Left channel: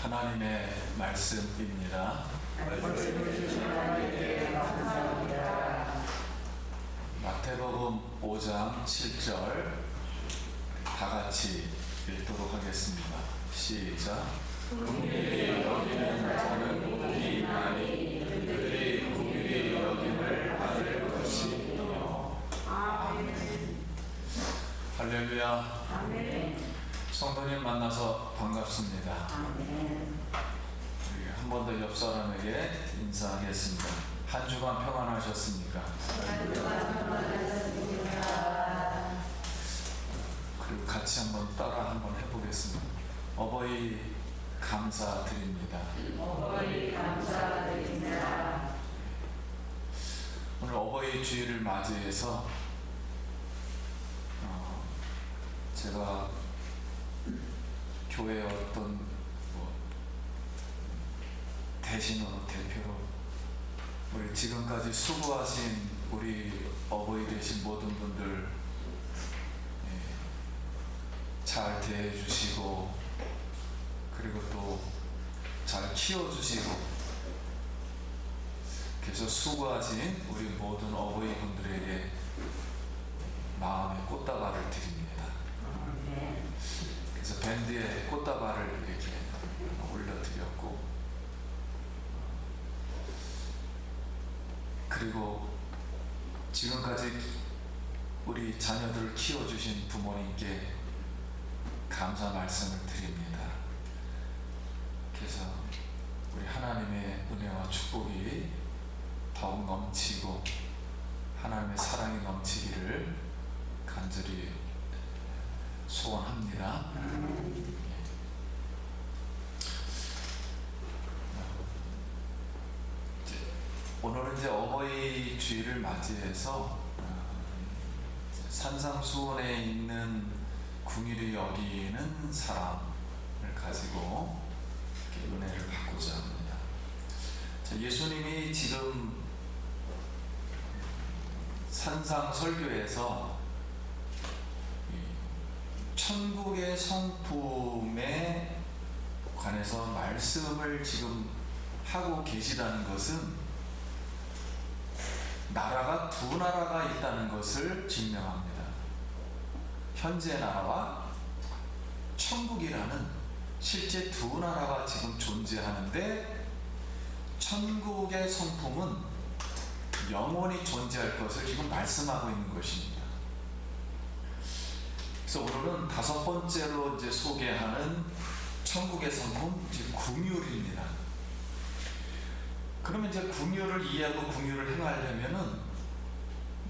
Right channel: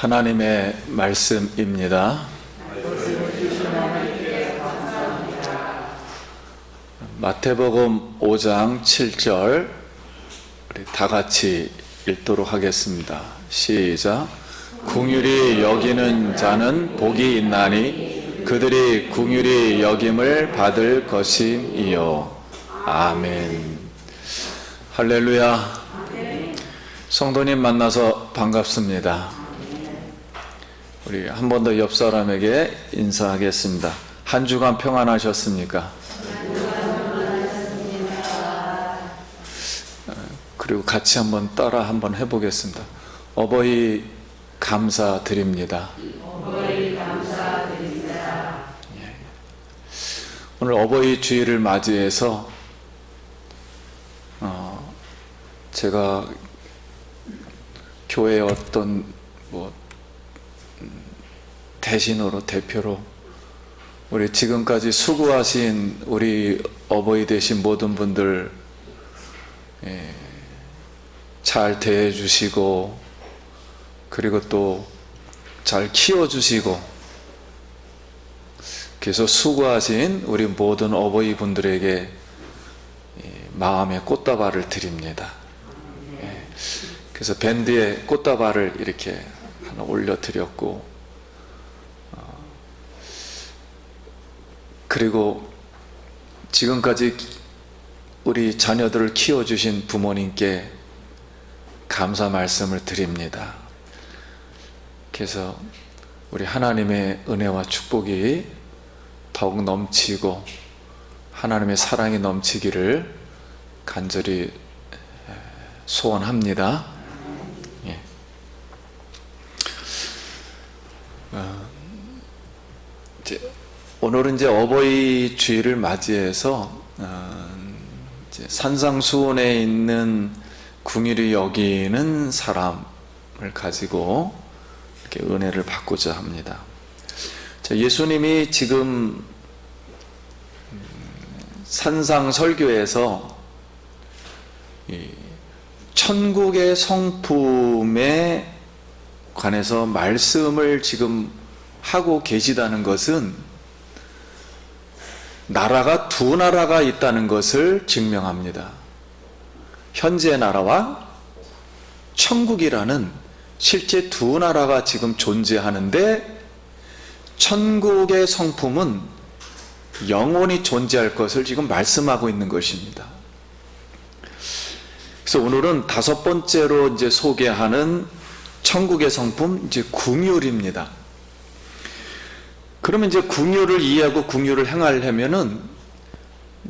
하나님의 말씀입니다. 마태복음 5장 7절 우리 다 같이 읽도록 하겠습니다. 시작. 긍휼히 여기는 자는 복이 있나니 그들이 긍휼히 여김을 받을 것임이요. 아멘. 할렐루야. 성도님 만나서 반갑습니다. 우리 한 번 더 옆 사람에게 인사하겠습니다. 한 주간 평안하셨습니까? 그리고 같이 한번 따라 한번 해보겠습니다. 어버이 감사드립니다. 어버이 감사드립니다. 오늘 어버이 주일을 맞이해서 제가 교회의 어떤 대신으로 대표로 우리 지금까지 수고하신 우리 어버이 되신 모든 분들 잘 대해주시고 그리고 또 잘 키워주시고 그래서 수고하신 우리 모든 어버이 분들에게 마음의 꽃다발을 드립니다. 그래서 밴드에 꽃다발을 이렇게 하나 올려드렸고 그리고 지금까지 우리 자녀들을 키워주신 부모님께 감사 말씀을 드립니다. 그래서 우리 하나님의 은혜와 축복이 더욱 넘치고 하나님의 사랑이 넘치기를 간절히 소원합니다. 오늘은 이제 어버이 주일을 맞이해서 이제 산상수훈에 있는 긍휼히 여기는 사람을 가지고 이렇게 은혜를 받고자 합니다. 예수님이 지금 산상 설교에서 천국의 성품에 관해서 말씀을 지금 하고 계시다는 것은 나라가 두 나라가 있다는 것을 증명합니다. 현재 나라와 천국이라는 실제 두 나라가 지금 존재하는데 천국의 성품은 영원히 존재할 것을 지금 말씀하고 있는 것입니다. 그래서 오늘은 다섯 번째로 이제 소개하는 천국의 성품, 이제 긍휼입니다. 그러면 이제 긍휼을 이해하고 긍휼을 행하려면은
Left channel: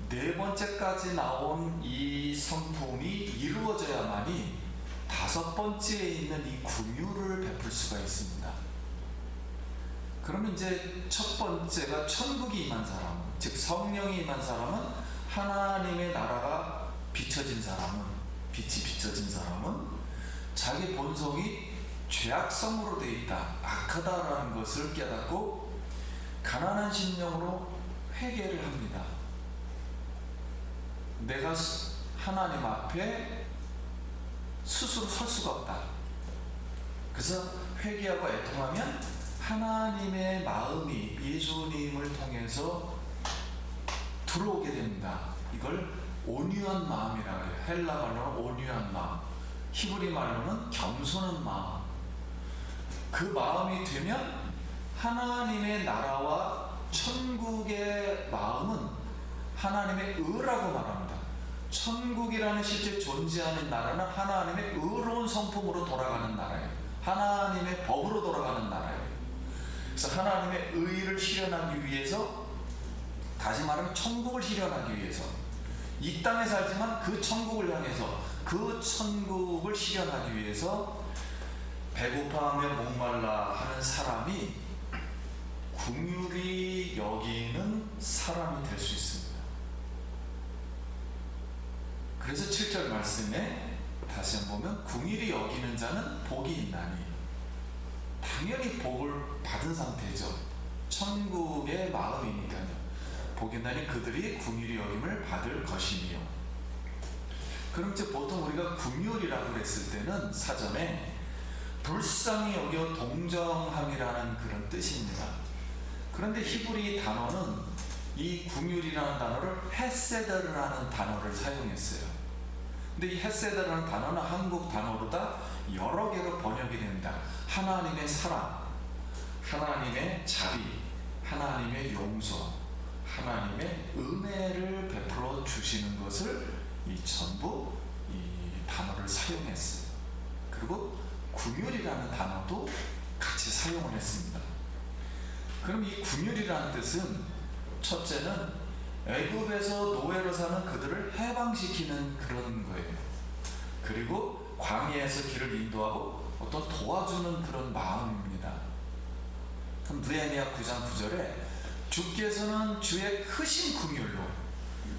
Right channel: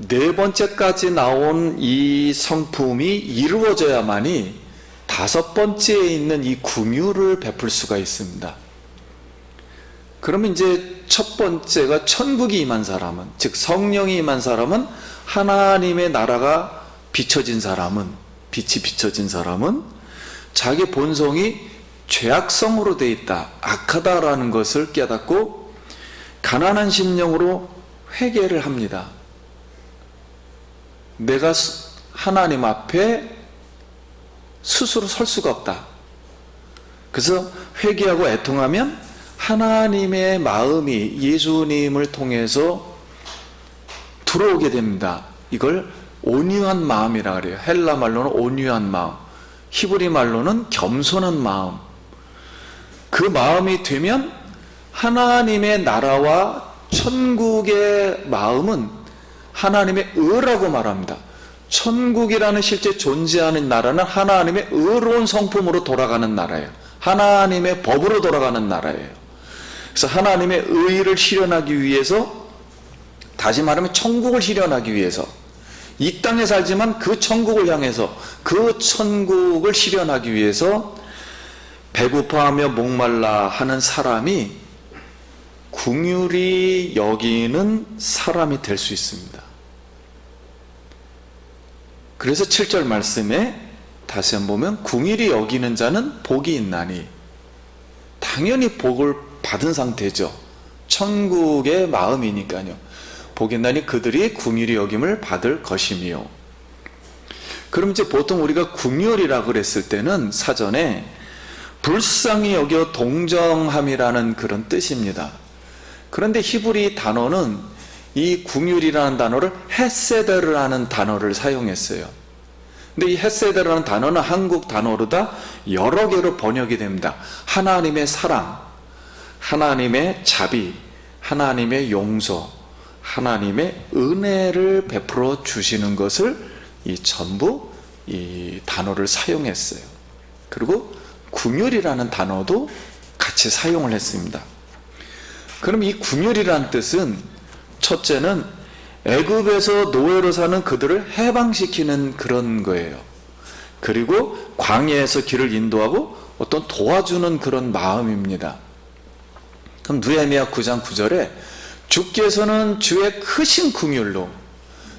네 번째까지 나온 이 성품이 이루어져야만이 다섯 번째에 있는 이 긍휼을 베풀 수가 있습니다. 그러면 이제 첫 번째가 천국이 임한 사람은, 즉 성령이 임한 사람은, 하나님의 나라가 비춰진 사람은, 빛이 비춰진 사람은 자기 본성이 죄악성으로 돼 있다, 악하다라는 것을 깨닫고 가난한 심령으로 회개를 합니다. 내가 하나님 앞에 스스로 설 수가 없다. 그래서 회개하고 애통하면 하나님의 마음이 예수님을 통해서 들어오게 됩니다. 이걸 온유한 마음이라 그래요. 헬라 말로는 온유한 마음, 히브리 말로는 겸손한 마음. 그 마음이 되면 하나님의 나라와 천국의 마음은 하나님의 의라고 말합니다. 천국이라는 실제 존재하는 나라는 하나님의 의로운 성품으로 돌아가는 나라예요. 하나님의 법으로 돌아가는 나라예요. 그래서 하나님의 의를 실현하기 위해서, 다시 말하면 천국을 실현하기 위해서, 이 땅에 살지만 그 천국을 향해서, 그 천국을 실현하기 위해서 배고파하며 목말라 하는 사람이 긍휼히 여기는 사람이 될 수 있습니다. 그래서 7절 말씀에 다시 한번 보면 긍휼히 여기는 자는 복이 있나니, 당연히 복을 받은 상태죠. 천국의 마음이니까요. 복이 있나니 그들이 긍휼히 여김을 받을 것이며. 그럼 이제 보통 우리가 긍휼이라고 그랬을 때는 사전에 불쌍히 여겨 동정함이라는 그런 뜻입니다. 그런데 히브리 단어는 이 궁율이라는 단어를 헤세드라는 단어를 사용했어요. 근데 이 헤세드라는 단어는 한국 단어로 다 여러 개로 번역이 됩니다. 하나님의 사랑, 하나님의 자비, 하나님의 용서, 하나님의 은혜를 베풀어 주시는 것을 전부 이 단어를 사용했어요. 그리고 궁율이라는 단어도 같이 사용을 했습니다. 그럼 이 궁율이라는 뜻은 첫째는 애굽에서 노예로 사는 그들을 해방시키는 그런 거예요. 그리고 광야에서 길을 인도하고 어떤 도와주는 그런 마음입니다. 그럼 느헤미야 9장 9절에 주께서는 주의 크신 궁율로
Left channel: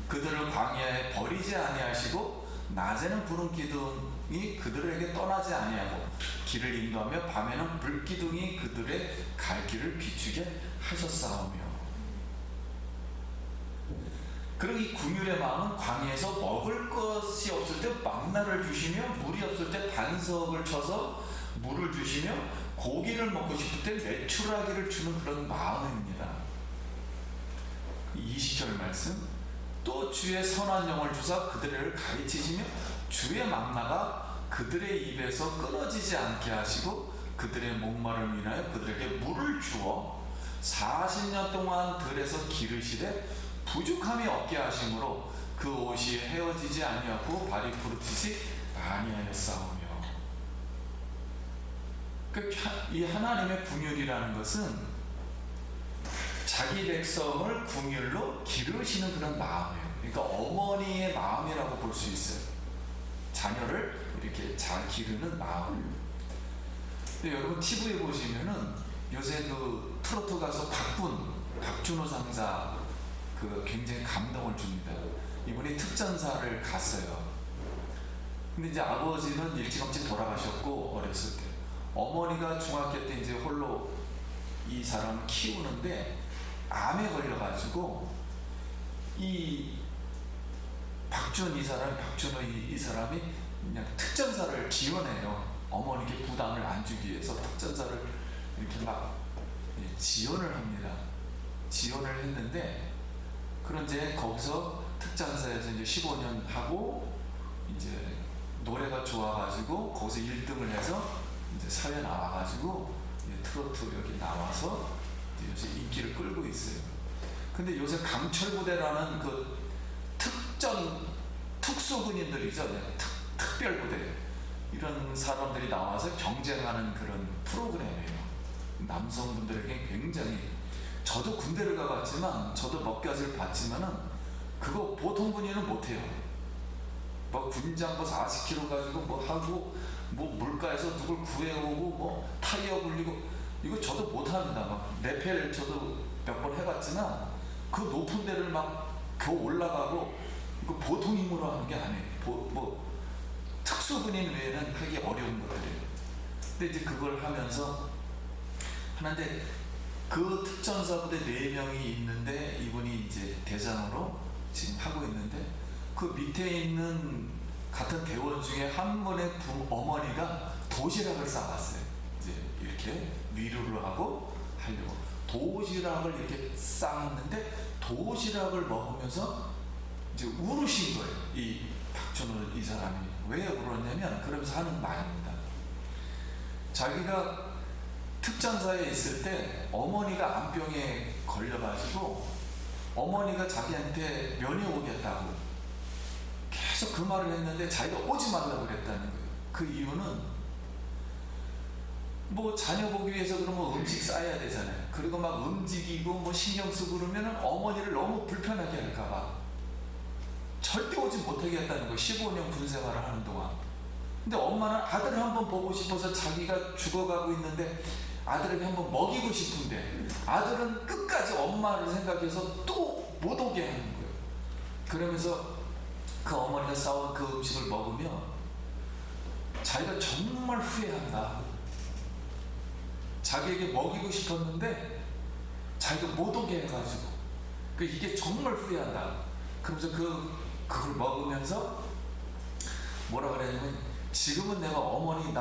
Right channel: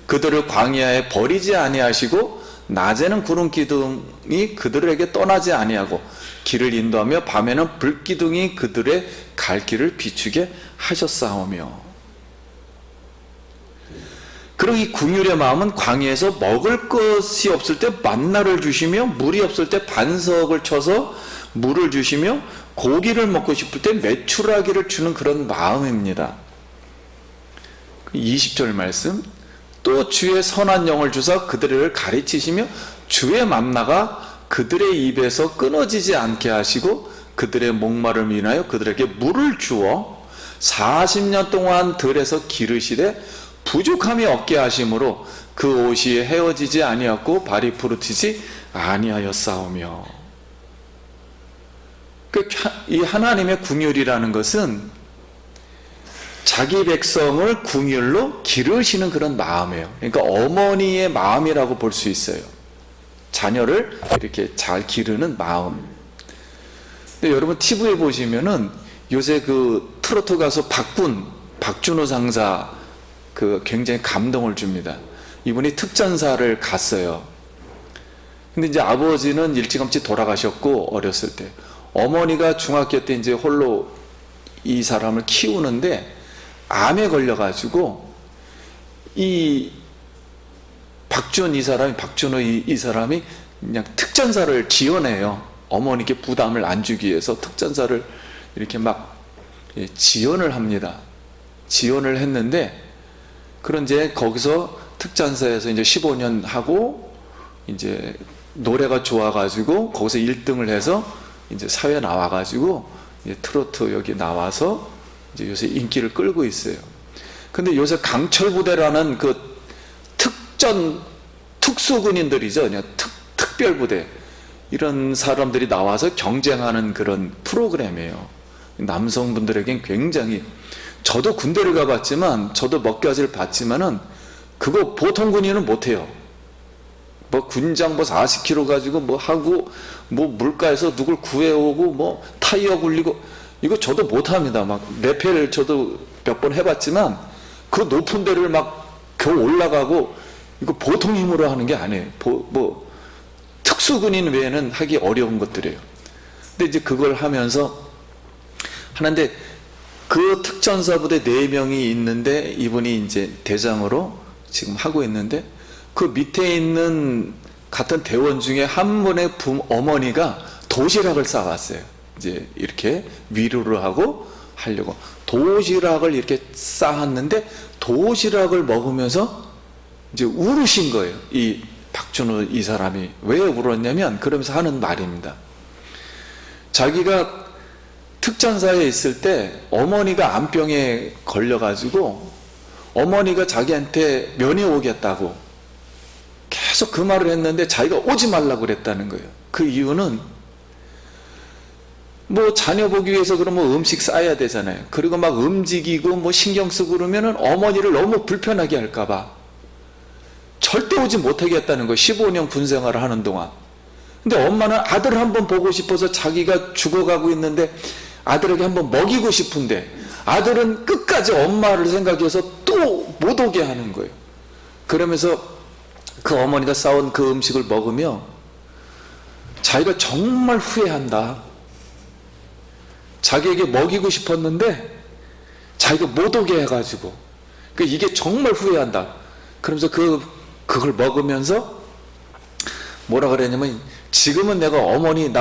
그들을 광야에 버리지 아니하시고 낮에는 구름 기둥이 그들에게 떠나지 아니하고 길을 인도하며 밤에는 불 기둥이 그들의 갈 길을 비추게 하셨사오며. 그리고 이 궁율의 마음은 광야에서 먹을 것이 없을 때 만나를 주시며 물이 없을 때 반석을 쳐서 물을 주시며 고기를 먹고 싶을 때 메추라기를 주는 그런 마음입니다. 20절 말씀, 또 주의 선한 영을 주사 그들을 가르치시며 주의 만나가 그들의 입에서 끊어지지 않게 하시고 그들의 목마름을 인하여 그들에게 물을 주어 40년 동안 들에서 기르시되 부족함이 없게 하심으로 그 옷이 헤어지지 아니하고 발이 부르트지 아니하였사오며. 이 하나님의 궁율이라는 것은 자기 백성을 궁율로 기르시는 그런 마음이에요. 그러니까 어머니의 마음이라고 볼 수 있어요. 자녀를 이렇게 잘 기르는 마음. 근데 여러분 TV에 보시면은 요새 그 트로트 가수 박준호 상사 그 굉장히 감동을 줍니다. 이분이 특전사를 갔어요. 근데 이제 아버지는 일찌감치 돌아가셨고 어렸을 때 어머니가 중학교 때 이제 홀로 이 사람을 키우는데 암에 걸려가지고 이 박준호 이 사람이 그냥 특전사를 지원해요. 어머니께 부담을 안 주기 위해서 특전사를 이렇게 막 지원을 합니다. 지원을 했는데 그런 이제 거기서 특전사에서 이제 15년 하고 이제 노래가 좋아가지고 거기서 1등을 해서 이제 사회 나와가지고 이제 트로트 여기 나와서 이제 요새 인기를 끌고 있어요. 근데 요새 강철부대라는 그 특수군인들이죠. 그냥 특별부대 이런 사람들이 나와서 경쟁하는 그런 프로그램이에요. 남성분들에겐 굉장히, 저도 군대를 가봤지만 저도 몇 가지를 봤지만은 그거 보통 군인은 못해요. 뭐 군장 뭐 40kg 가지고 뭐 하고 뭐 물가에서 누굴 구해오고 뭐 타이어 굴리고 이거 저도 못합니다. 막 레펠 저도 몇 번 해봤지만 그 높은 데를 막 겨우 올라가고 이거 보통 힘으로 하는 게 아니에요. 뭐 특수군인 외에는 하기 어려운 것들이에요. 근데 이제 그걸 하면서 하는데 그 특전사 부대 4명이 있는데 이분이 이제 대장으로 지금 하고 있는데 그 밑에 있는 같은 대원 중에 한 분의 어머니가 도시락을 싸왔어요. 이제 이렇게 위로를 하고 하려고 도시락을 이렇게 싸왔는데 도시락을 먹으면서 이제 울으신 거예요. 이 박준호 이 사람이 왜 울었냐면 그러면서 하는 말입니다. 자기가 특전사에 있을 때 어머니가 암병에 걸려가지고 어머니가 자기한테 면회 오겠다고 계속 그 말을 했는데 자기가 오지 말라고 그랬다는 거예요. 그 이유는 뭐 자녀 보기 위해서 그러면 음식 싸야 되잖아요. 그리고 막 움직이고 뭐 신경 쓰고 그러면은 어머니를 너무 불편하게 할까봐 절대 오지 못하게 했다는 거예요. 15년 군 생활을 하는 동안. 근데 엄마는 아들 한번 보고 싶어서 자기가 죽어가고 있는데 아들에게 한번 먹이고 싶은데 아들은 끝까지 엄마를 생각해서 또 못 오게 하는 거예요. 그러면서 그 어머니가 싸온 그 음식을 먹으며 자기가 정말 후회한다. 자기에게 먹이고 싶었는데 자기가 못 오게 해가지고 이게 정말 후회한다. 그러면서 그걸 먹으면서 뭐라 그랬냐면 지금은 내가 어머니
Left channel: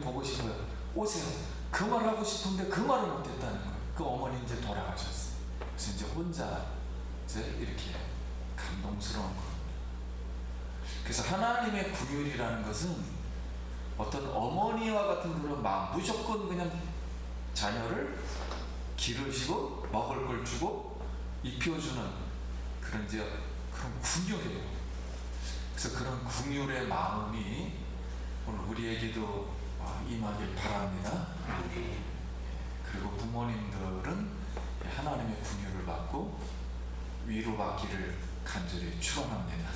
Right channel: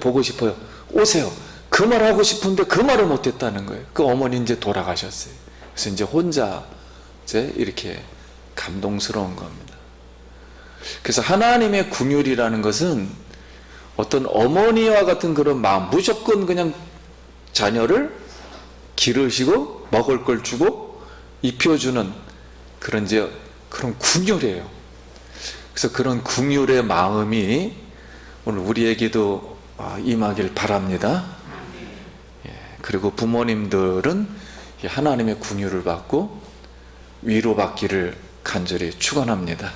보고 싶어요. 오세요. 그 말 하고 싶은데 그 말을 못했다는 거예요. 그 어머니 이제 돌아가셨어요. 그래서 이제 혼자 이제 이렇게 감동스러운 겁니다. 그래서 하나님의 긍휼이라는 것은 어떤 어머니와 같은 그런 마음, 무조건 그냥 자녀를 기르시고 먹을 걸 주고 입혀주는 그런 긍휼이에요. 그래서 그런 긍휼의 마음이 오늘 우리에게도 임하길 바랍니다. 그리고 부모님들은 하나님의 긍휼을 받고 위로받기를 간절히 축원합니다.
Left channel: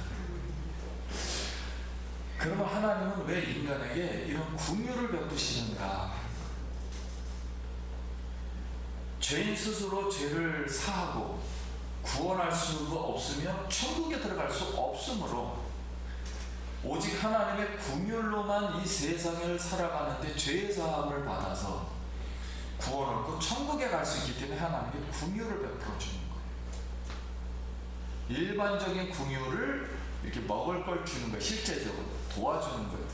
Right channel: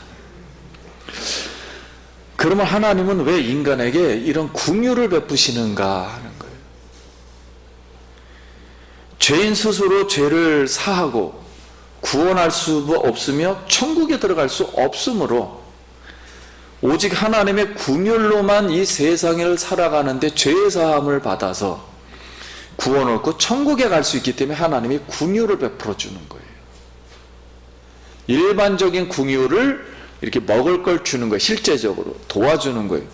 그러면 하나님은 왜 인간에게 이런 긍휼을 베푸시는가 하는 거예요. 죄인 스스로 죄를 사하고 구원할 수 없으며 천국에 들어갈 수 없으므로 오직 하나님의 긍휼로만 이 세상을 살아가는데 죄의 사함을 받아서 구원 얻고 천국에 갈 수 있기 때문에 하나님이 긍휼을 베풀어 주는 거예요. 일반적인 긍휼을 이렇게 먹을 걸 주는 거예요. 실제적으로 도와주는 거예요.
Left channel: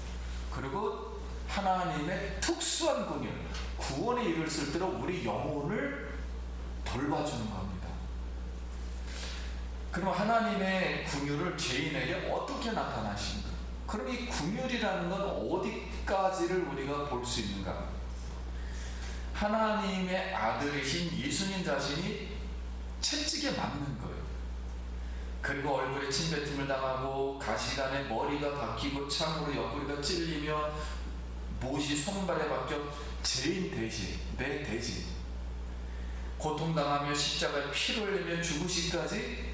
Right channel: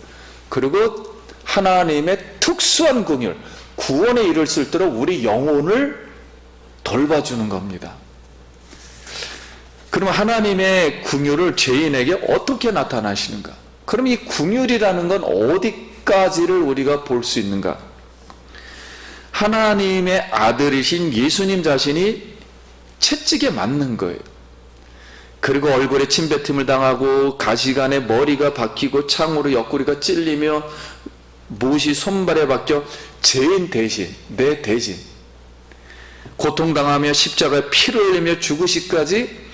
그리고 하나님의 특수한 긍휼, 구원에 이를 수 있도록 우리 영혼을 돌봐주는 겁니다. 그럼 하나님의 긍휼을 죄인에게 어떻게 나타나시는가? 그럼 이 긍휼이라는 건 어디까지를 우리가 볼 수 있는가? 하나님의 아들이신 예수님 자신이 채찍에 맞는 거예요. 그리고 얼굴에 침뱉음을 당하고 가시관에 머리가 박히고 창으로 옆구리가 찔리며 못이 손발에 박혀 죄인 대신, 내 대신 고통당하며 십자가에 피를 흘리며 죽으시까지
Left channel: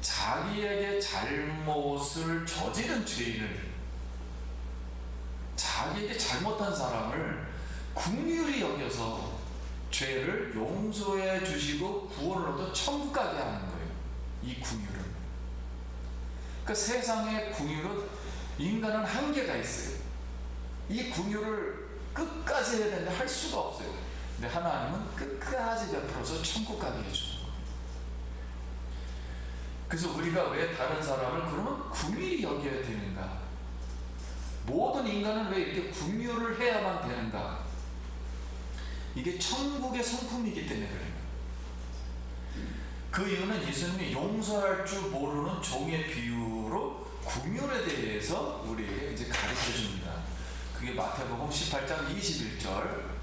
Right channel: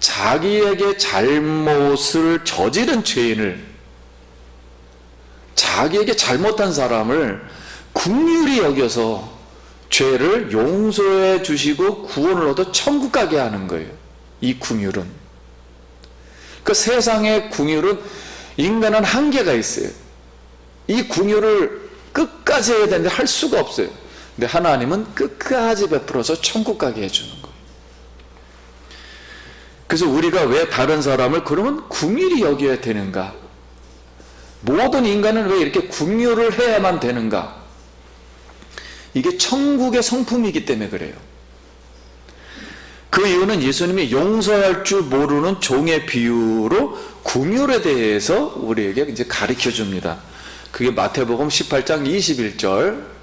자기에게 잘못을 저지른 죄인을, 자기에게 잘못한 사람을 긍휼히 여겨서 죄를 용서해 주시고 구원을 얻어 천국 가게 하는 거예요. 이 긍휼은. 그 세상의 긍휼은 인간은 한계가 있어요. 이 긍휼을 끝까지 해야 되는데 할 수가 없어요. 근데 하나님은 끝까지 베풀어서 천국 가게 해주는 거예요. 그래서 우리가 왜 다른 사람을 그러면 긍휼히 여겨야 되는가? 모든 인간은 왜 이렇게 긍휼을 해야만 되는가? 이게 천국의 성품이기 때문에 그래요. 그 이유는 예수님이 용서할 줄 모르는 종의 비유로 긍휼에 대해서 우리에게 이제 가르쳐 줍니다. 그게 마태복음 18장 21절.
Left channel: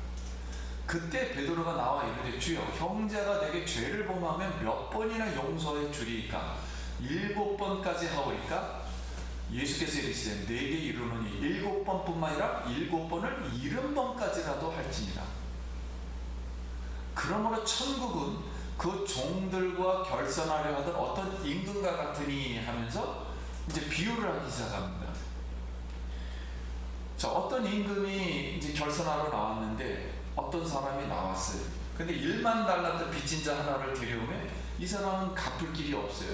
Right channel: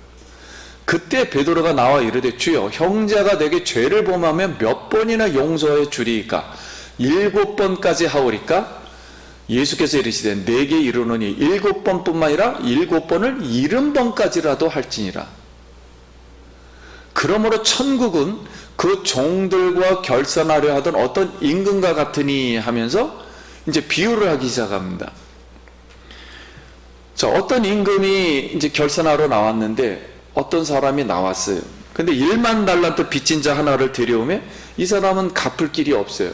그때 베드로가 나와 이르되 주여 형제가 내게 죄를 범하면 몇 번이나 용서해 주리이까? 7번까지 하오리까? 예수께서 이르시되 내게 이르노니 7번뿐만 아니라 7번을 70번까지라도 할지니라. 그러므로 천국은 그 종들과 결산하려 하던 어떤 임금과 같으니 하면서 이제 비유를 하기 시작합니다. 자, 어떤 임금이 이제 결산하러 나왔는데 어떤 사람이 나왔어요. 근데 1만 달란트 빚진 자 하나를 데려오면 이 사람은 갚을 길이 없어요.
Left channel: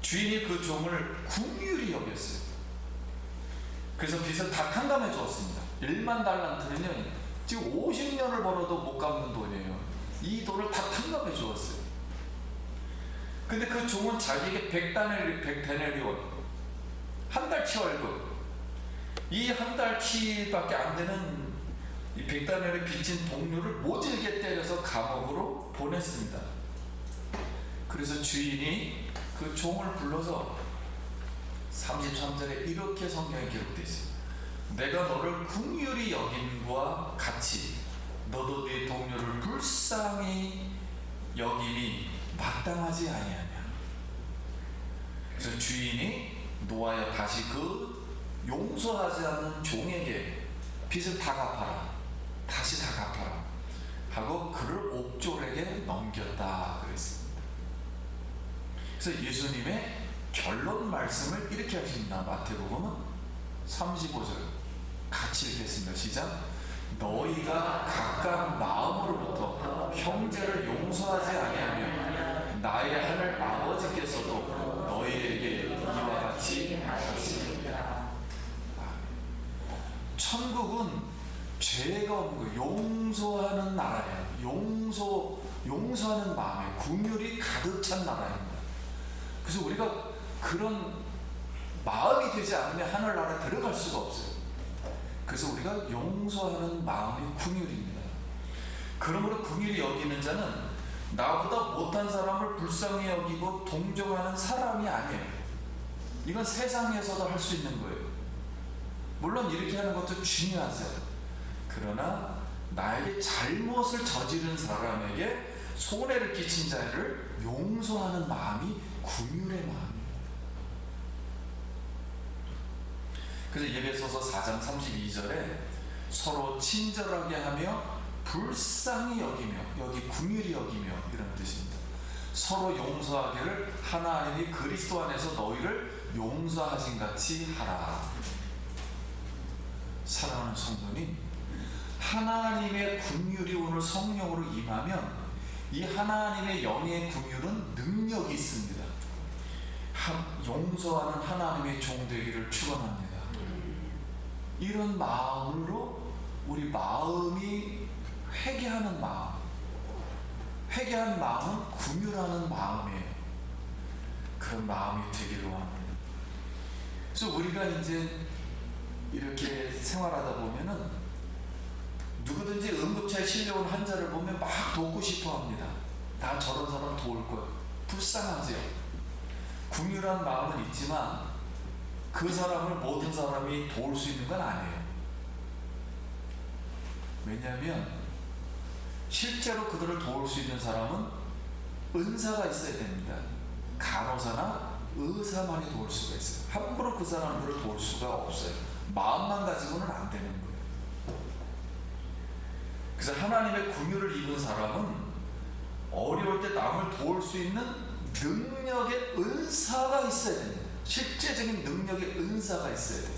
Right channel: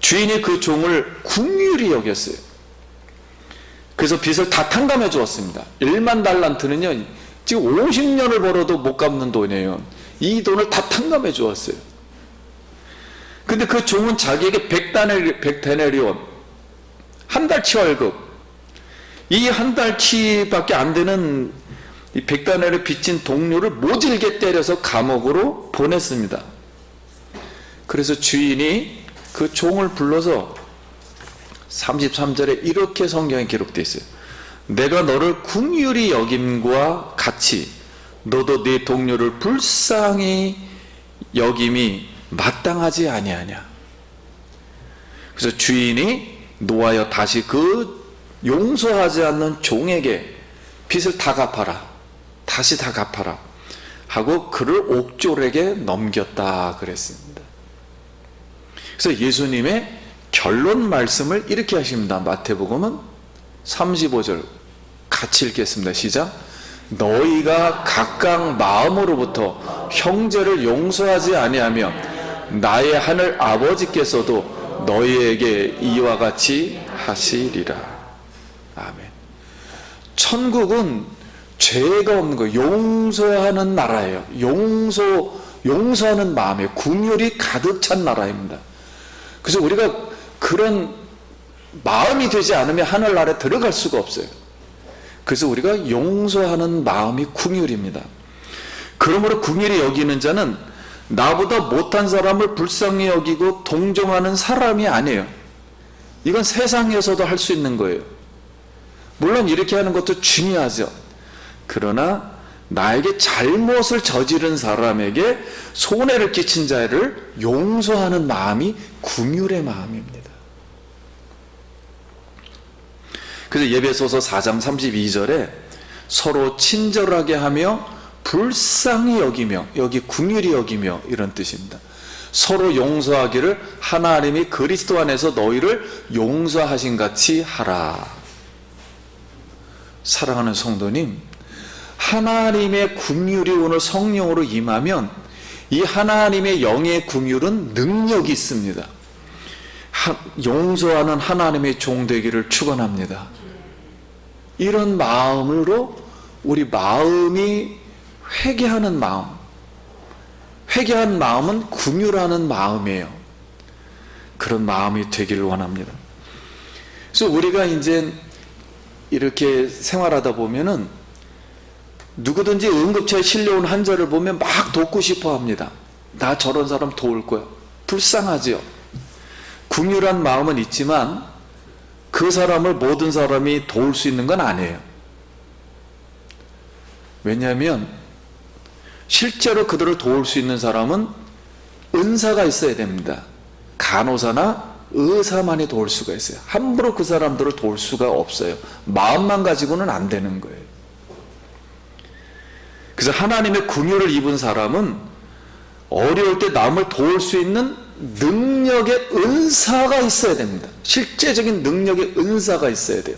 주인이 그 종을 긍휼히 여겼어요. 그래서 빚을 다 탕감해 주었습니다. 1만 달란트는요 지금 50년을 벌어도 못 갚는 돈이에요. 이 돈을 다 탕감해 주었어요. 근데 그 종은 자기에게 100데나리온, 한 달치 월급, 이 한 달치밖에 안 되는 이 100데나리온 빚진 동료를 모질게 때려서 감옥으로 보냈습니다. 그래서 주인이 그 종을 불러서 33절에 이렇게 성경에 기록되어 있어요. 내가 너를 긍휼히 여김과 같이 너도 네 동료를 불쌍히 여김이 마땅하지 아니하냐. 그래서 주인이 노하여 다시 그 용서하지 않는 종에게 빚을 다 갚아라, 다시 다 갚아라 하고 그를 옥졸에게 넘겼다 그랬습니다. 그래서 예수님의 결론 말씀을 이렇게 하십니다. 마태복음은 35절 같이 읽겠습니다. 시작. 너희가 각각 마음으로부터 형제를 용서하지 아니하며 나의 하늘 아버지께서도 너희에게 이와 같이 하시리라. 아멘. 천국은 죄가 없는 거예요. 용서하는 나라예요. 용서하는 마음에 긍휼이 가득 찬 나라입니다. 그래서 우리가 그런 마음이 되지 않으면 하늘나라에 들어갈 수가 없어요. 그래서 우리가 용서하는 마음이 긍휼입니다. 그러므로 긍휼히 여기는 자는 나보다 못한 사람을 불쌍히 여기고 동정하는 사람이 아니에요. 이건 세상에서도 할 수 있는 거예요. 물론 이렇게 하는 것도 중요하죠. 그러나 나에게 잘못을 저지른 사람에게 손해를 끼친 자를 용서하는 마음이 긍휼의 마음입니다. 그래서 예배소서 4장 32절에 서로 친절하게 하며 불쌍히 여기며, 여기 긍휼히 여기며 이런 뜻입니다. 서로 용서하기를 하나님이 그리스도 안에서 너희를 용서하신 같이 하라. 사랑하는 성도님, 하나님의 긍휼이 오늘 성령으로 임하면 이 하나님의 영의 긍휼은 능력이 있습니다. 용서하는 하나님의 종 되기를 축원합니다. 이런 마음으로 우리 마음이 회개하는 마음, 회개한 마음은 긍휼하는 마음이에요. 그런 마음이 되기를 원합니다. 그래서 우리가 이제 이렇게 생활하다 보면은 누구든지 응급처에 실려온 환자를 보면 막 돕고 싶어 합니다. 나 저런 사람 도울 거야. 불쌍하지요. 긍휼한 마음은 있지만 그 사람을 모든 사람이 도울 수 있는 건 아니에요. 왜냐하면 실제로 그들을 도울 수 있는 사람은 은사가 있어야 됩니다. 간호사나 의사만이 도울 수가 있어요. 함부로 그 사람들을 도울 수가 없어요. 마음만 가지고는 안 되는 거예요. 그래서 하나님의 긍휼을 입은 사람은 어려울 때 남을 도울 수 있는 능력의 은사가 있어야 됩니다. 실제적인 능력의 은사가 있어야 돼요.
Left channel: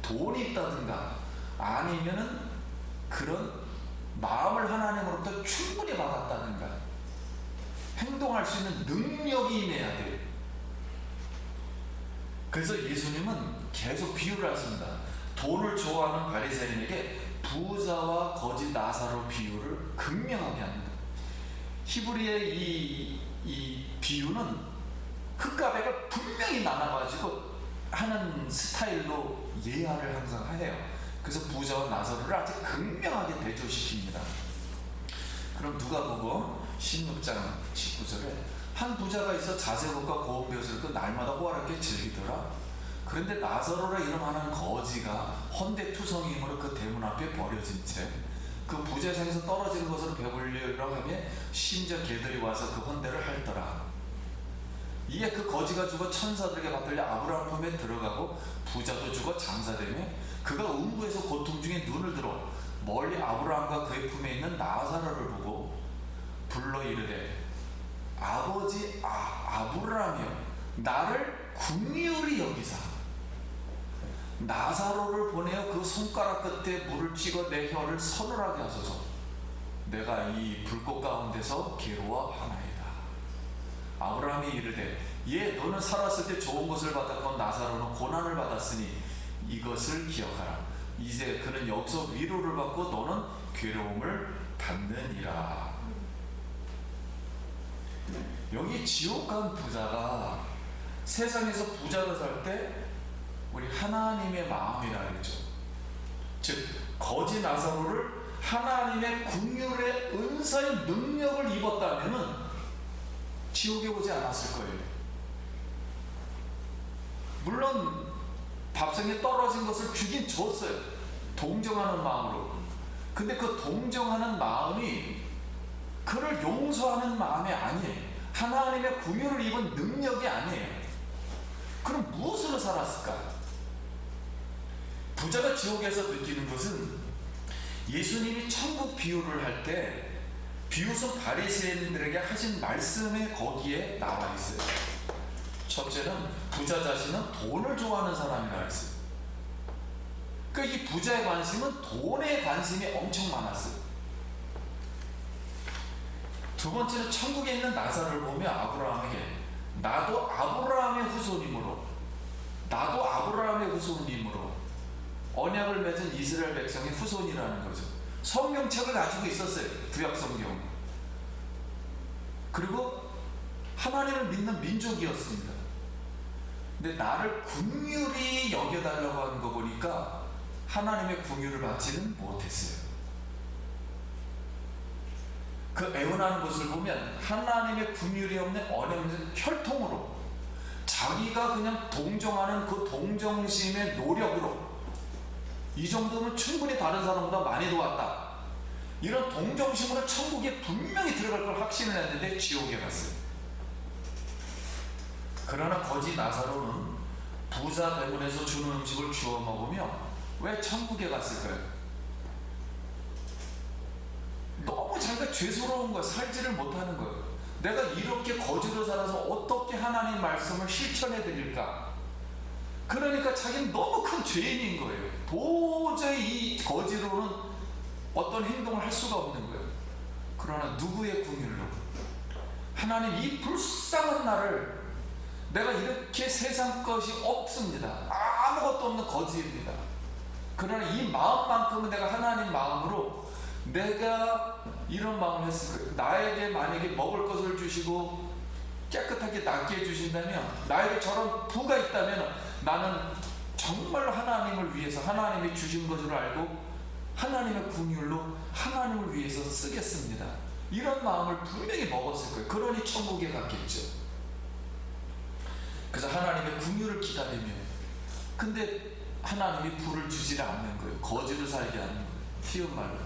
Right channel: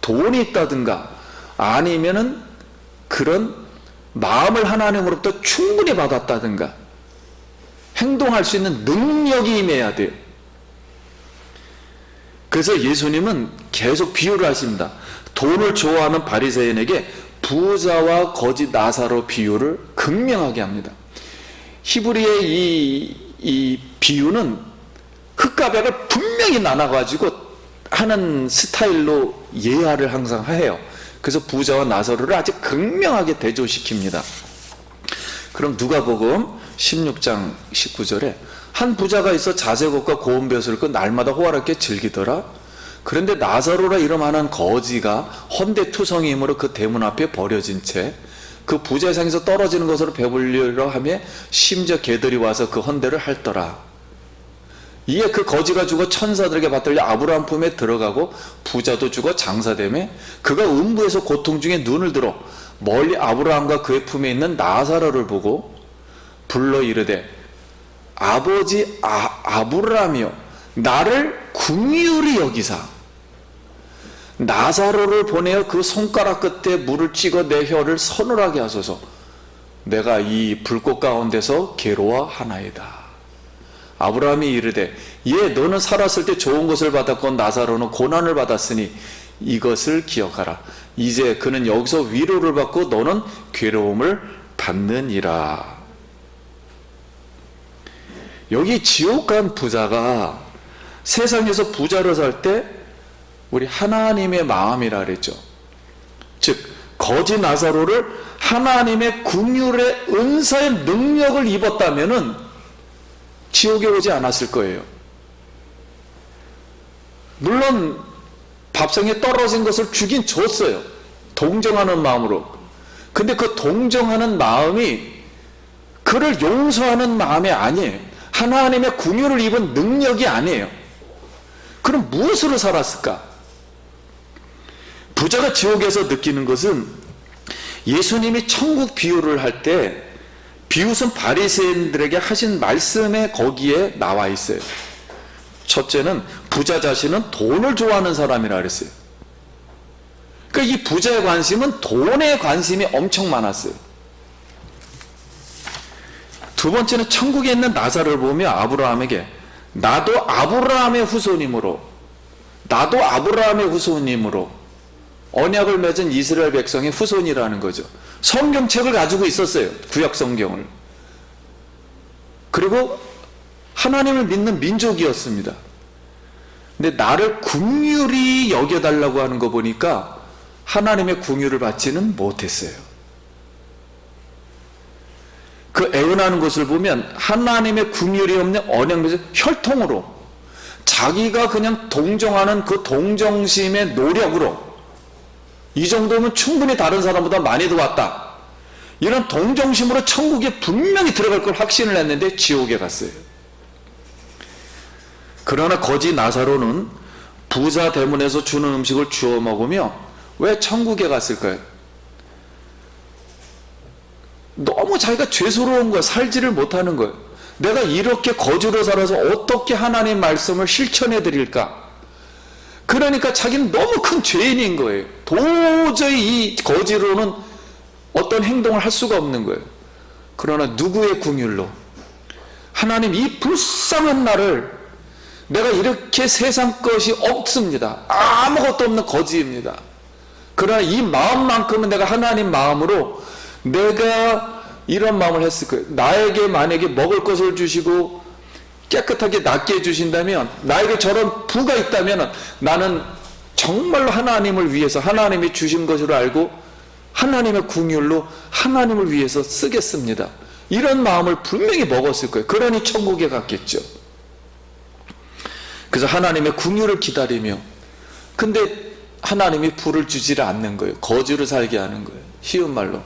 돈이 있다든가 아니면은 그런 마음을 하나님으로부터 충분히 받았다든가 행동할 수 있는 능력이 임해야 돼요. 그래서 예수님은 계속 비유를 하십니다. 돈을 좋아하는 바리새인에게 부자와 거지 나사로 비유를 극명하게 합니다. 히브리의 이 비유는 흙과 백을 분명히 나눠가지고 하는 스타일로 예화를 항상 해요. 그래서 부자와 나사로를 아주 극명하게 대조시킵니다. 그럼 누가복음 16장 19절에 한 부자가 있어 자제곡과 고운 벼슬을 입고 날마다 호화롭게 즐기더라. 그런데 나사로라 이름하는 거지가 헌데투성이이므로 그 대문 앞에 버려진 채 그 부자의 상에서 떨어지는 것으로 배불리려 하며 심지어 개들이 와서 그 헌데를 핥더라. 이에 그 거지가 죽어 천사들에게 받들려 아브라함 품에 들어가고 부자도 죽어 장사되매 그가 음부에서 고통 중에 눈을 들어 멀리 아브라함과 그의 품에 있는 나사로를 보고 불러 이르되 아버지 아브라함이여 나를 긍휼히 여기사 나사로를 보내어 그 손가락 끝에 물을 찍어 내 혀를 서늘하게 하소서. 내가 이 불꽃 가운데서 괴로워하나이다. 아브라함이 이르되 예 너는 살았을 때 좋은 것을 받았고 나사로는 고난을 받았으니 이것을 기억하라. 이제 그는 여기서 위로를 받고 너는 괴로움을 받느니라. 여기 지옥 간 부자가 세상에서 부자로 살 때 우리 하나님의 마음이라 그랬죠. 즉 거지 나사로를 하나님의 긍휼의 은사의 능력을 입었다면은 지옥에 오지 않았을 거예요. 물론 밥상에 떨어진 것을 주긴 줬어요. 동정하는 마음으로. 근데 그 동정하는 마음이 그를 용서하는 마음이 아니에요. 하나님의 긍휼을 입은 능력이 아니에요. 그럼 무엇으로 살았을까? 부자가 지옥에서 느끼는 것은 예수님이 천국 비유를 할 때 비웃은 바리새인들에게 하신 말씀에 거기에 나와 있어요. 첫째는 부자 자신은 돈을 좋아하는 사람이라 그랬어요. 그러니까 이 부자의 관심은 돈에 관심이 엄청 많았어요. 두 번째는 천국에 있는 나사로를 보며 아브라함에게 나도 아브라함의 후손이므로 언약을 맺은 이스라엘 백성의 후손이라는 거죠. 성경책을 가지고 있었어요. 구약 성경을. 그리고 하나님을 믿는 민족이었습니다. 근데 나를 긍휼히 여겨달라고 하는 거 보니까 하나님의 긍휼을 받지는 못했어요. 그 애원하는 것을 보면 하나님의 긍휼이 없는 언약에서 혈통으로 자기가 그냥 동정하는 그 동정심의 노력으로 이 정도면 충분히 다른 사람보다 많이 들어왔다, 이런 동정심으로 천국에 분명히 들어갈 걸 확신을 했는데 지옥에 갔어요. 그러나 거지 나사로는 부자 대문에서 주는 음식을 주워 먹으며 왜 천국에 갔을까요? 너무 자기가 죄스러운 거야. 살지를 못하는 거예요. 내가 이렇게 거지로 살아서 어떻게 하나님 말씀을 실천해 드릴까? 그러니까 자기는 너무 큰 죄인인 거예요. 도저히 이 거지로는 어떤 행동을 할 수가 없는 거예요. 그러나 누구의 긍휼로? 하나님, 이 불쌍한 나를, 내가 이렇게 세상 것이 없습니다. 아무것도 없는 거지입니다. 그러나 이 마음만큼은 내가 하나님 마음으로 내가 이런 마음을 했을 거예요. 나에게 만약에 먹을 것을 주시고 깨끗하게 낫게 해주신다면, 나에게 저런 부가 있다면 나는 정말로 하나님을 위해서 하나님이 주신 것으로 알고 하나님의 긍휼로 하나님을 위해서 쓰겠습니다. 이런 마음을 분명히 먹었을 거예요. 그러니 천국에 갔겠죠. 그래서 하나님의 긍휼을 기다리며, 근데 하나님이 불을 주지를 않는 거예요. 거지로 살게 하는 거예요. 쉬운 말로.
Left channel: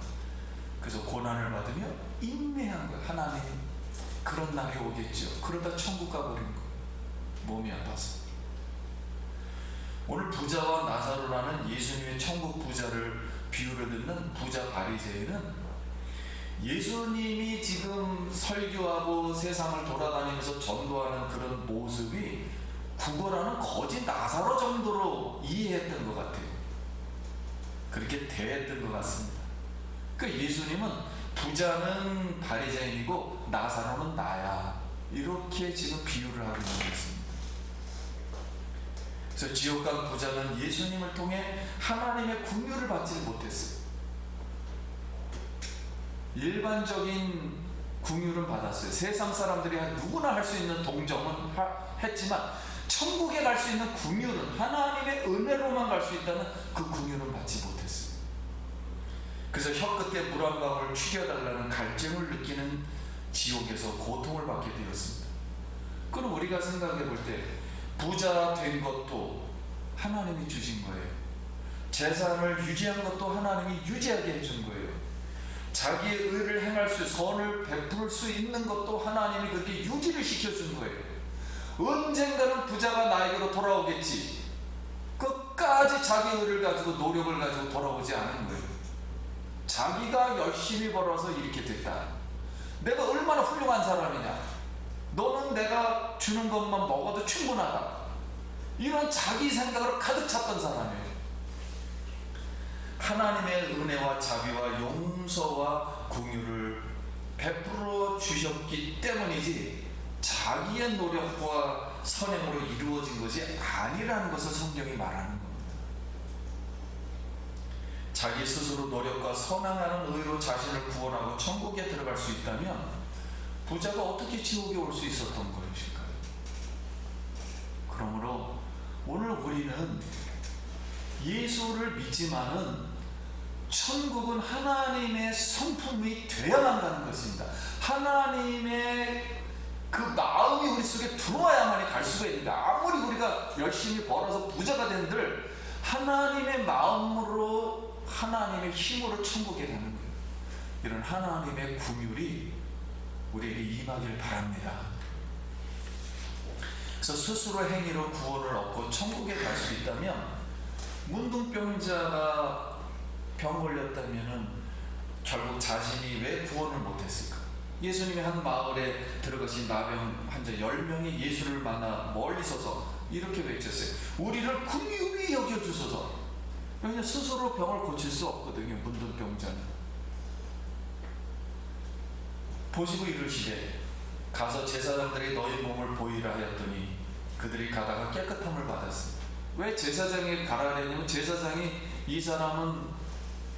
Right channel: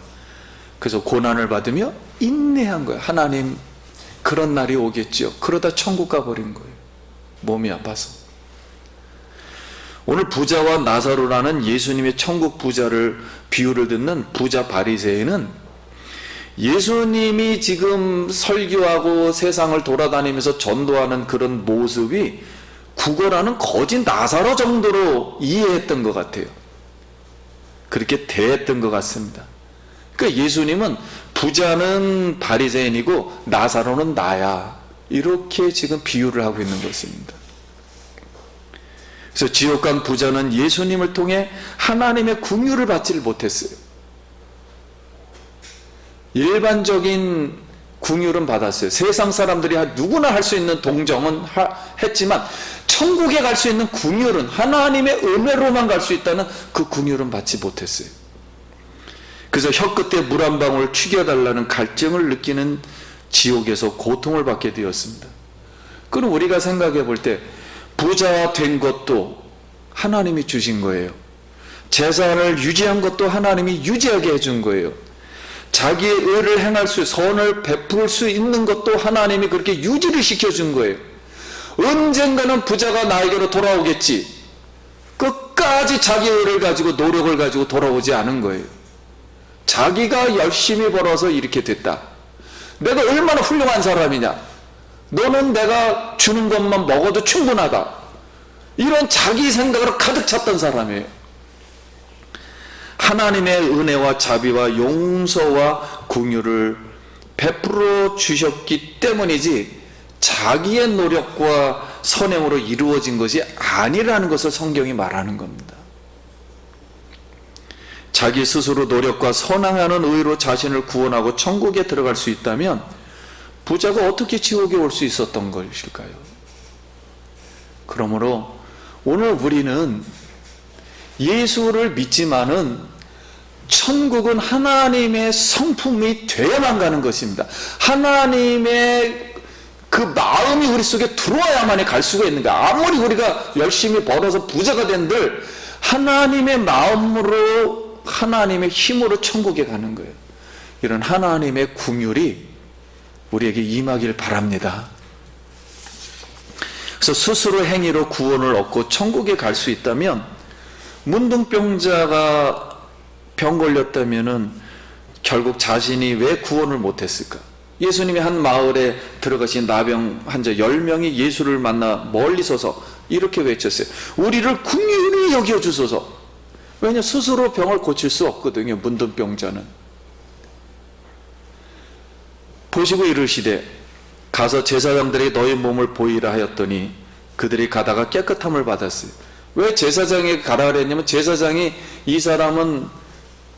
그래서 고난을 받으며 인내한 거예요. 하나님, 그런 날이 오겠죠. 그러다 천국 가버린 거예요. 몸이 아파서. 오늘 부자와 나사로라는 예수님의 천국 부자를 비유를 듣는 부자 바리새인은 예수님이 지금 설교하고 세상을 돌아다니면서 전도하는 그런 모습이 구걸하는 거지 나사로 정도로 이해했던 것 같아요. 그렇게 대했던 것 같습니다. 그러니까 예수님은 부자는 바리새인이고 나사로는 나야, 이렇게 지금 비유를 하고 있는 것입니다. 그래서 지옥 간 부자는 예수님을 통해 하나님의 긍휼을 받지를 못했어요. 일반적인 긍휼은 받았어요. 세상 사람들이 누구나 할 수 있는 동정은 했지만 천국에 갈 수 있는 긍휼은, 하나님의 은혜로만 갈 수 있다는 그 긍휼은 받지 못했어요. 그래서 혀끝에 물 한 방울 튀겨달라는 갈증을 느끼는 지옥에서 고통을 받게 되었습니다. 그럼 우리가 생각해 볼 때 부자가 된 것도 하나님이 주신 거예요. 재산을 유지한 것도 하나님이 유지하게 해준 거예요. 자기의 의를 행할 수, 선을 베풀 수 있는 것도 하나님이 그렇게 유지를 시켜준 거예요. 언젠가는 부자가 나에게로 돌아오겠지, 끝까지 자기 의를 가지고 노력을 가지고 돌아오지 않은 거예요. 자기가 열심히 벌어서 이렇게 됐다. 내가 얼마나 훌륭한 사람이냐, 너는 내가 주는 것만 먹어도 충분하다, 이런 자기 생각으로 가득 찼던 사람이에요. 하나님의 은혜와 자비와 용서와 긍휼을 베풀어 주셨기 때문이지 자기의 노력과 선행으로 이루어진 것이 아니라는 것을 성경이 말하는 겁니다. 자기 스스로 노력과 선행하는 의로 자신을 구원하고 천국에 들어갈 수 있다면 부자가 어떻게 지옥에 올 수 있었던 것일까요? 그러므로 오늘 우리는 예수를 믿지만은 천국은 하나님의 성품이 되어야만 가는 것입니다. 하나님의 그 마음이 우리 속에 들어와야만이 갈 수가 있는 거예요. 아무리 우리가 열심히 벌어서 부자가 된들 하나님의 마음으로, 하나님의 힘으로 천국에 가는 거예요. 이런 하나님의 긍휼이 우리에게 임하길 바랍니다. 그래서 스스로 행위로 구원을 얻고 천국에 갈 수 있다면, 문둥병자가 병 걸렸다면은 결국 자신이 왜 구원을 못했을까? 예수님이 한 마을에 들어가신 나병 환자 10명이 예수를 만나 멀리 서서 이렇게 외쳤어요. 우리를 긍휼히 여겨주소서. 왜냐, 스스로 병을 고칠 수 없거든요, 문둥병자는. 보시고 이르시되 가서 제사장들에게 너희 몸을 보이라 하였더니 그들이 가다가 깨끗함을 받았어요. 왜 제사장에게 가라 그랬냐면, 제사장이 이 사람은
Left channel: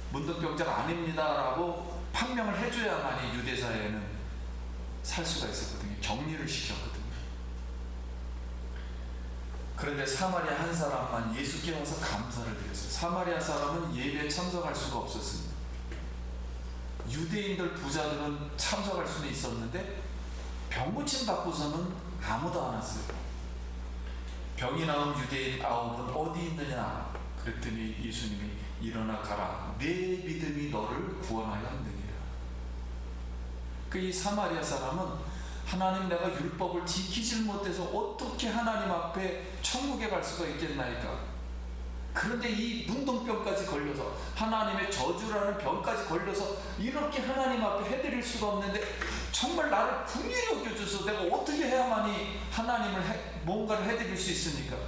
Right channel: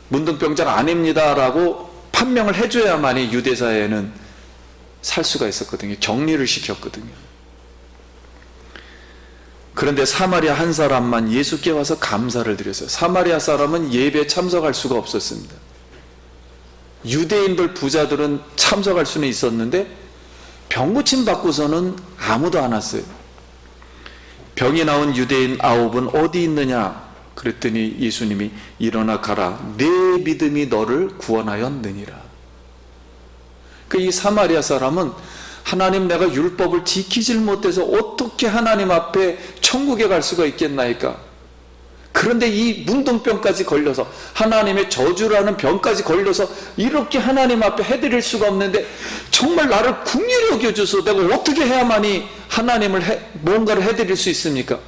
문둥병자가 아닙니다 라고 판명을 해줘야만이 유대사회는 살 수가 있었거든요. 격리를 시켰거든요. 그런데 사마리아 한 사람만 예수께 와서 감사를 드렸어요. 사마리아 사람은 예배에 참석할 수가 없었습니다. 유대인들 부자들은 참석할 수는 있었는데 병 고침 받고서는 아무도 안 왔어요. 병이 나온 유대인 9은 어디 있느냐 그랬더니 예수님이 일어나 가라, 내 믿음이 너를 구원하였느니라. 이 사마리아 사람은 하나님, 내가 율법을 지키질 못해서 어떻게 하나님 앞에 천국에 갈 수가 있겠나이까? 그런데 이 문둥병까지 걸려서, 하나님의 저주라는 병까지 걸려서 이렇게 하나님 앞에 해드릴 수가 없는데 정말 나를 긍휼히 여겨줘서 내가 어떻게 해야만이 하나님을 뭔가를 해드릴 수 있습니까?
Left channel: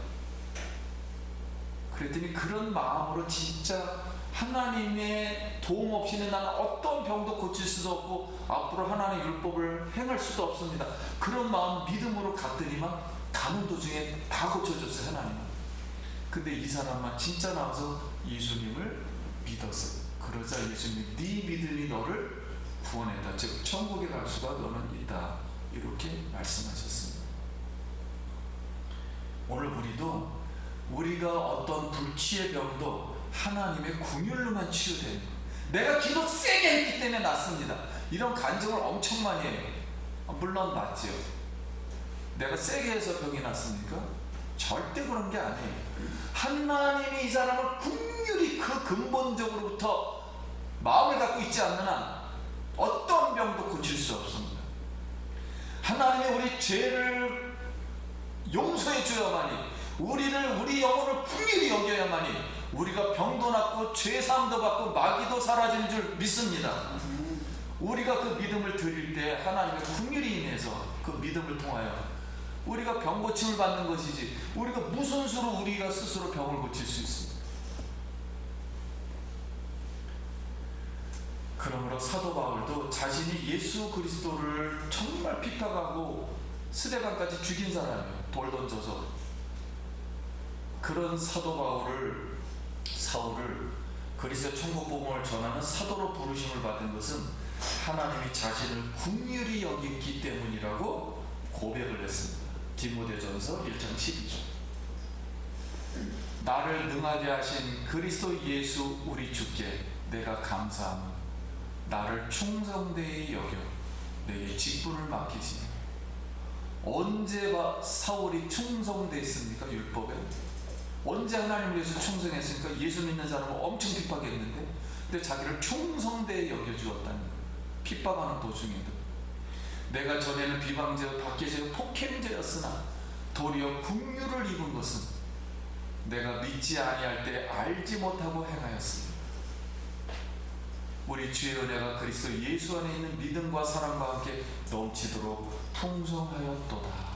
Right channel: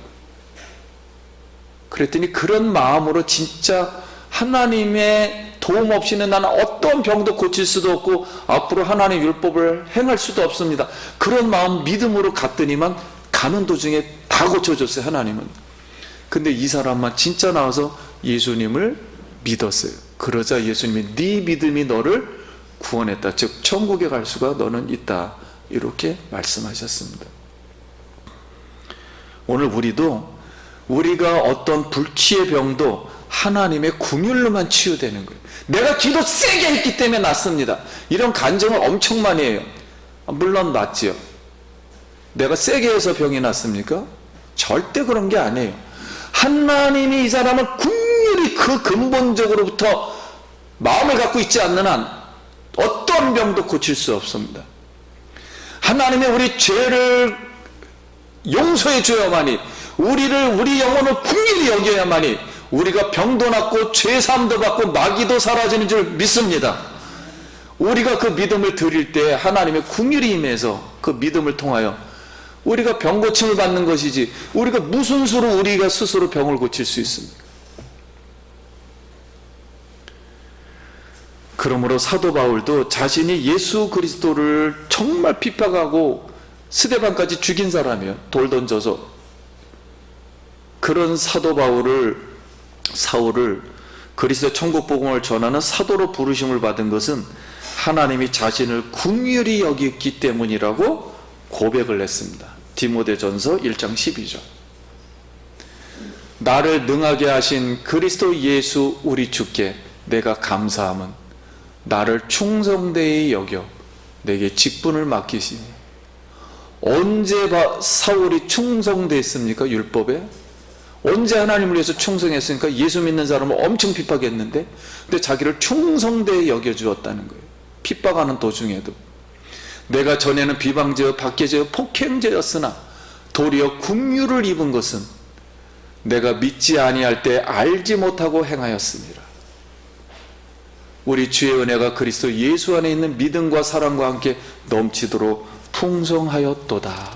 그랬더니 그런 마음으로 진짜 하나님의 도움 없이는 나는 어떤 병도 고칠 수도 없고 앞으로 하나님의 율법을 행할 수도 없습니다. 그런 마음 믿음으로 갔더니만 가는 도중에 다 고쳐줬어요, 하나님은. 근데 이 사람만 진짜 나와서 예수님을 믿었어요. 그러자 예수님이 네 믿음이 너를 구원했다. 즉 천국에 갈 수가 너는 있다. 이렇게 말씀하셨습니다. 오늘 우리가 어떤 불치의 병도 하나님의 긍휼로만 치유되는 거예요. 내가 기도 세게 했기 때문에 낫습니다. 이런 간증을 엄청 많이 해요. 물론 낫지요. 내가 세게 해서 병이 낫습니까? 절대 그런 게 아니에요. 하나님이 이 사람을 긍휼히 그 근본적으로부터 마음을 갖고 있지 않는 한 어떤 병도 고칠 수 없습니다. 하나님의 우리 죄를 용서해 줘야만이, 우리 영혼을 긍휼히 여겨야만이 우리가 병도 낫고 죄사함도 받고 마귀도 사라지는 줄 믿습니다. 우리가 그 믿음을 드릴 때 하나님의 긍휼이 임해서 그 믿음을 통하여 우리가 병 고침을 받는 것이지, 우리가 무슨 수로 우리가 스스로 병을 고칠 수 있습니까? 그러므로 사도 바울도 자신이 예수 그리스도를 정말 핍박하고 스데반까지 죽인 사람이에요. 돌 던져서. 그런 사도 사울을 그리스도 천국 복음을 전하는 사도로 부르심을 받은 것은 하나님이 자신을 긍휼히 여겼기 때문이라고 고백을 했습니다. 디모데전서 1장 12절. 나를 능하게 하신 그리스도 예수 우리 주께 내가 감사함은 나를 충성되이 여겨 내게 직분을 맡기시니. 언제 사울이 충성됐습니까? 율법에? 언제 하나님을 위해서 충성했으니까? 예수 믿는 사람을 엄청 핍박했는데, 근데 자기를 충성되이 여겨주었다는 거예요. 핍박하는 도중에도. 내가 전에는 비방죄, 박해죄, 폭행죄였으나 도리어 긍휼을 입은 것은 내가 믿지 아니할 때 알지 못하고 행하였습니다. 우리 주의 은혜가 그리스도 예수 안에 있는 믿음과 사랑과 함께 넘치도록 풍성하였도다.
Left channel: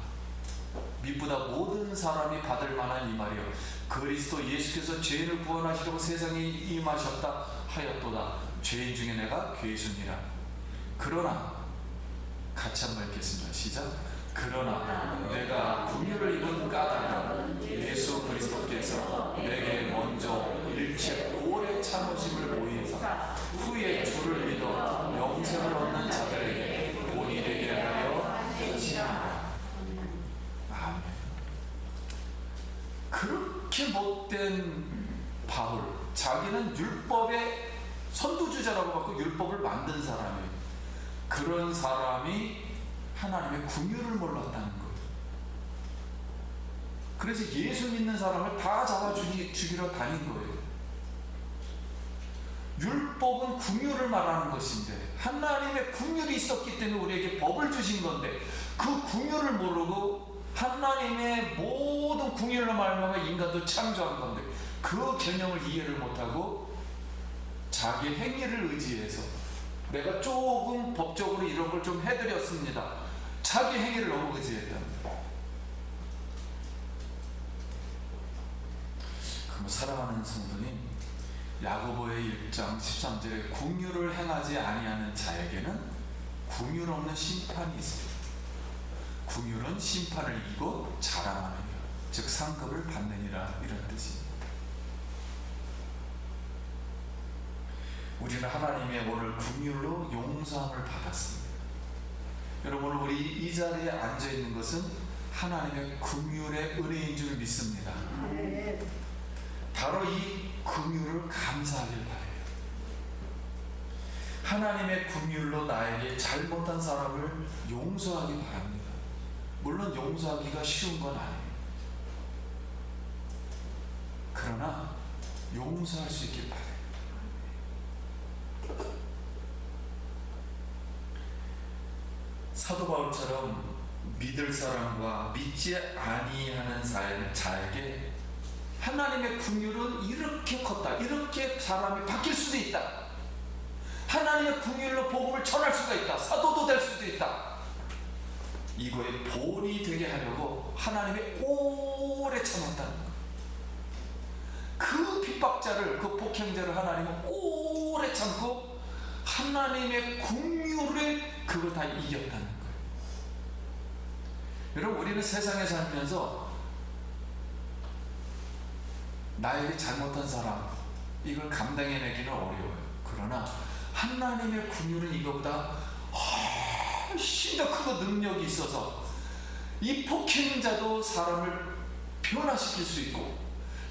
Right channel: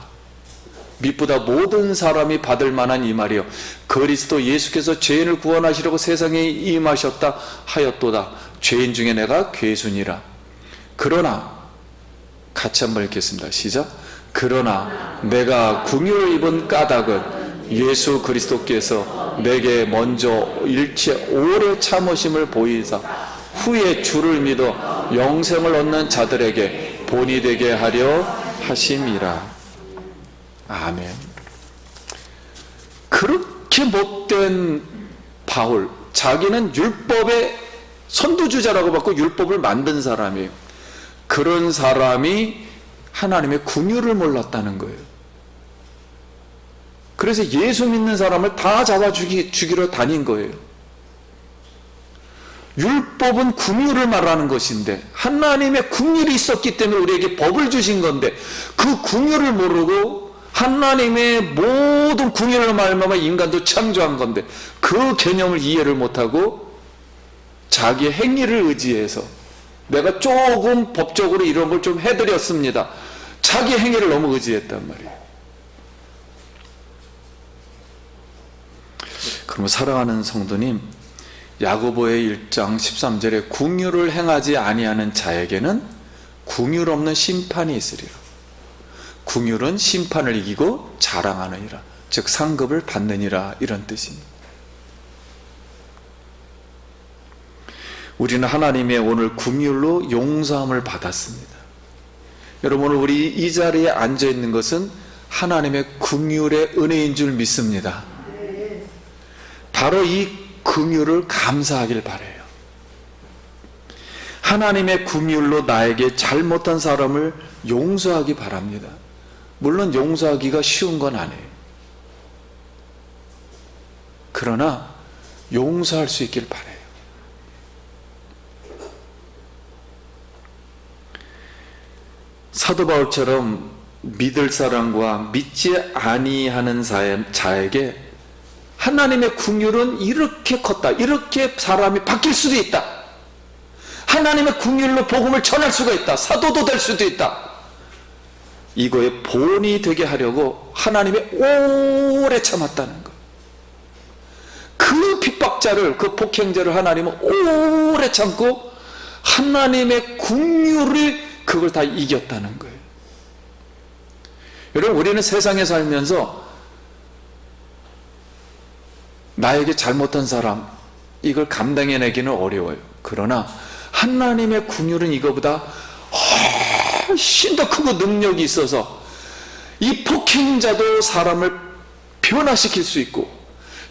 믿보다 모든 사람이 받을 만한 이 말이요, 그리스도 예수께서 죄인을 구원하시려고 세상에 임하셨다 하였도다. 죄인 중에 내가 괴순이라. 그러나, 같이 한번 읽겠습니다. 시작. 그러나 내가 긍휼을 입은 까닭은 예수 그리스도께서 내게 먼저 일체 오래 참으심을 보이사 후에 주를 믿어 영생을 얻는 자들에게 본이 되게 하려 하심이라. 아멘. 그렇게 못된 바울, 자기는 율법의 선두주자라고 받고 율법을 만든 사람이에요. 그런 사람이 하나님의 긍휼을 몰랐다는 거예요. 그래서 예수 믿는 사람을 다 잡아 죽이러 다닌 거예요. 율법은 긍휼을 말하는 것인데 하나님의 긍휼이 있었기 때문에 우리에게 법을 주신 건데, 그 긍휼을 모르고 하나님의 모든 긍휼을 말미암아 인간도 창조한 건데 그 개념을 이해를 못하고 자기의 행위를 의지해서 내가 조금 법적으로 이런 걸 좀 해드렸습니다. 자기 행위를 너무 의지했단 말이에요. 그러면 사랑하는 성도님, 야고보의 1장 13절에 긍휼을 행하지 아니하는 자에게는 긍휼 없는 심판이 있으리라. 긍휼은 심판을 이기고 자랑하느니라. 즉 상급을 받느니라, 이런 뜻입니다. 우리는 하나님의 오늘 긍휼로 용서함을 받았습니다. 여러분, 오늘 우리 이 자리에 앉아 있는 것은 하나님의 긍휼의 은혜인 줄 믿습니다. 바로 이 긍휼을 감사하길 바라요. 하나님의 긍휼로 나에게 잘못한 사람을 용서하기 바랍니다. 물론 용서하기가 쉬운 건 아니에요. 그러나 용서할 수 있길 바라요. 사도 바울처럼 믿을 사람과 믿지 아니하는 자에게 하나님의 긍휼은 이렇게 컸다, 이렇게 사람이 바뀔 수도 있다, 하나님의 긍휼로 복음을 전할 수가 있다, 사도도 될 수도 있다, 이거의 본이 되게 하려고 하나님이 오래 참았다는 것. 그 핍박자를, 그 폭행자를 하나님은 오래 참고 하나님의 긍휼을 그걸 다 이겼다는 거예요. 여러분, 우리는 세상에 살면서 나에게 잘못한 사람, 이걸 감당해내기는 어려워요. 그러나 하나님의 긍휼은 이거보다 훨씬 더 크고 능력이 있어서 이 폭행자도 사람을 변화시킬 수 있고,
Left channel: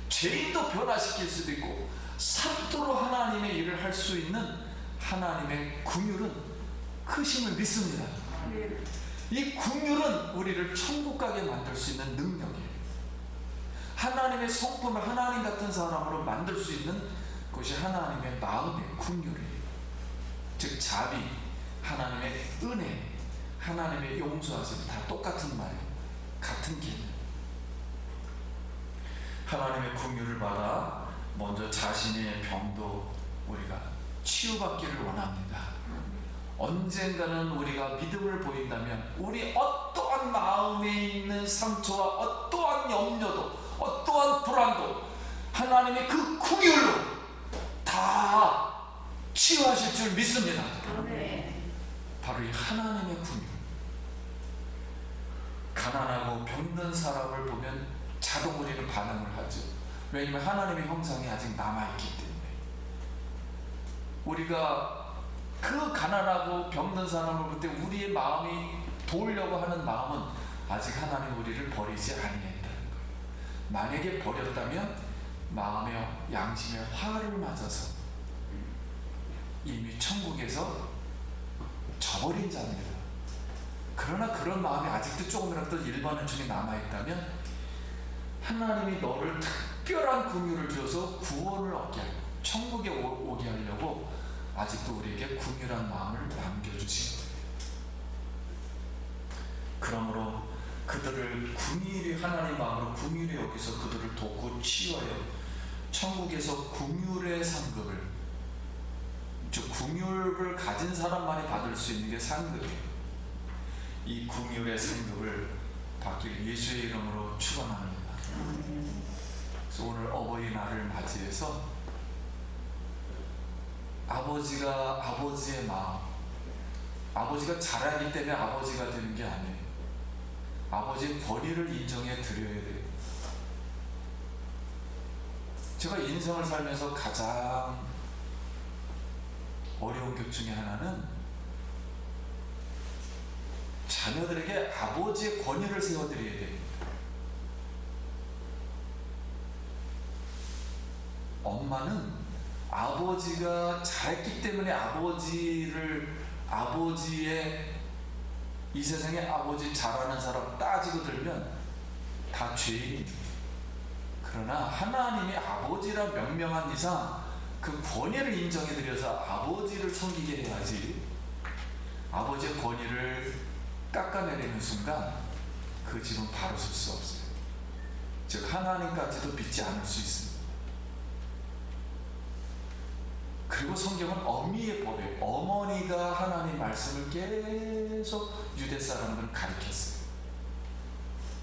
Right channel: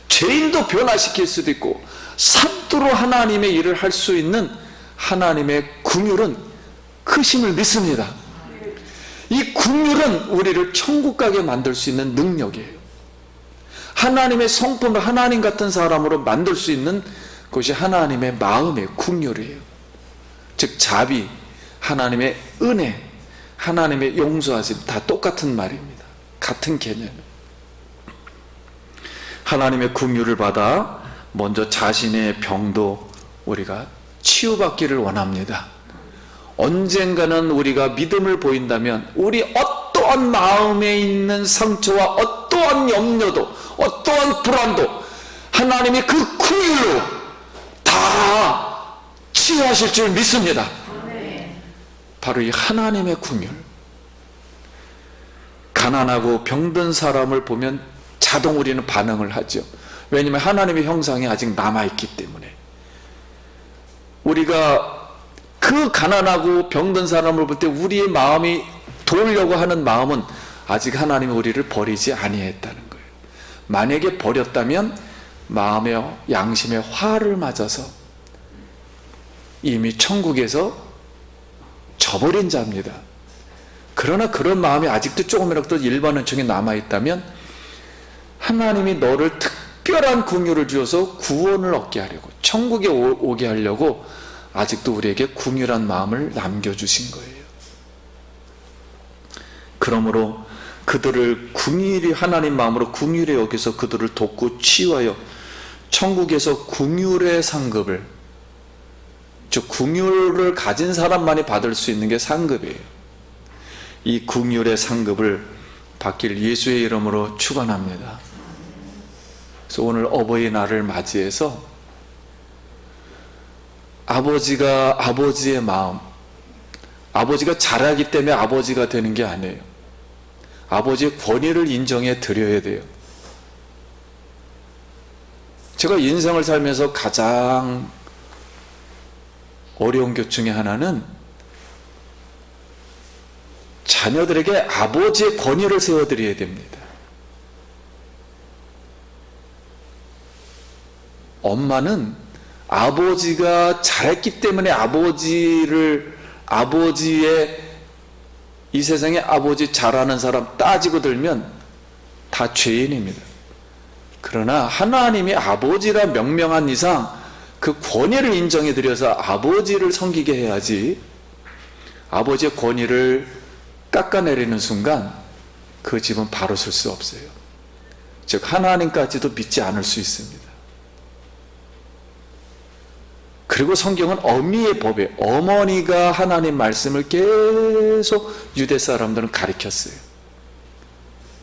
죄인도 변화시킬 수도 있고, 사도로 하나님의 일을 할 수 있는 하나님의 긍휼은 크심을 믿습니다. 이 긍휼은 우리를 천국 가게 만들 수 있는 능력이에요. 하나님의 성품을 하나님 같은 사람으로 만들 수 있는 것이 하나님의 마음의 긍휼이에요. 즉 자비, 하나님의 은혜, 하나님의 용서하심, 다 똑같은 말입니다. 같은 개념. 하나님의 긍휼을 받아 먼저 자신의 병도 우리가 치유받기를 원합니다. 언젠가는 우리가 믿음을 보인다면 우리 어떠한 마음에 있는 상처와 어떠한 염려도, 어떠한 불안도 하나님이 그 긍휼로 다 치유하실 줄 믿습니다. 바로 이 하나님의 긍휼. 가난하고 병든 사람을 보면 자동 우리는 반응을 하죠. 왜냐하면 하나님의 형상이 아직 남아있기 때문에. 우리가 그 가난하고 병든 사람을 볼 때 우리의 마음이 도우려고 하는 마음은 아직 하나님이 우리를 버리지 아니했다는 거예요. 만약에 버렸다면 마음의 양심의 화를 맞아서 이미 천국에서 저버린 자입니다. 그러나 그런 마음이 아직도 조금이라도 일반 은총에 남아있다면 하나님이 너를 특별한 긍휼을 주어서 구원을 얻게 하려고, 천국에 오게 하려고 아직도 우리에게 긍휼한 마음을 남겨주신 거예요. 그러므로 그들을 긍휼히, 하나님 마음으로 긍휼히 여기서 그들을 돕고 치유하여 천국에서 긍휼의 상급을, 즉 긍휼을 가진 사람만이 받을 수 있는 게 상급이에요. 이 긍휼의 상급을 받길 예수의 이름으로 축원합니다. 그래서 오늘 어버이날을 맞이해서 아버지가, 아버지의 마음, 아버지가 잘하기 때문에 아버지가 되는 게 아니에요. 아버지의 권위를 인정해 드려야 돼요. 제가 인생을 살면서 가장 어려운 것 중에 하나는 자녀들에게 아버지의 권위를 세워드려야 됩니다. 엄마는 아버지가 잘했기 때문에 아버지의 이 세상에 아버지 잘하는 사람 따지고 들면 다 죄인입니다. 그러나 하나님이 아버지라 명명한 이상 그 권위를 인정해 드려서 아버지를 섬기게 해야지, 아버지의 권위를 깎아내리는 순간 그 집은 바로 설 수 없어요. 즉 하나님까지도 믿지 않을 수 있습니다. 그리고 성경은 어미의 법에, 어머니가 하나님 말씀을 계속 유대 사람들은 가르쳤어요.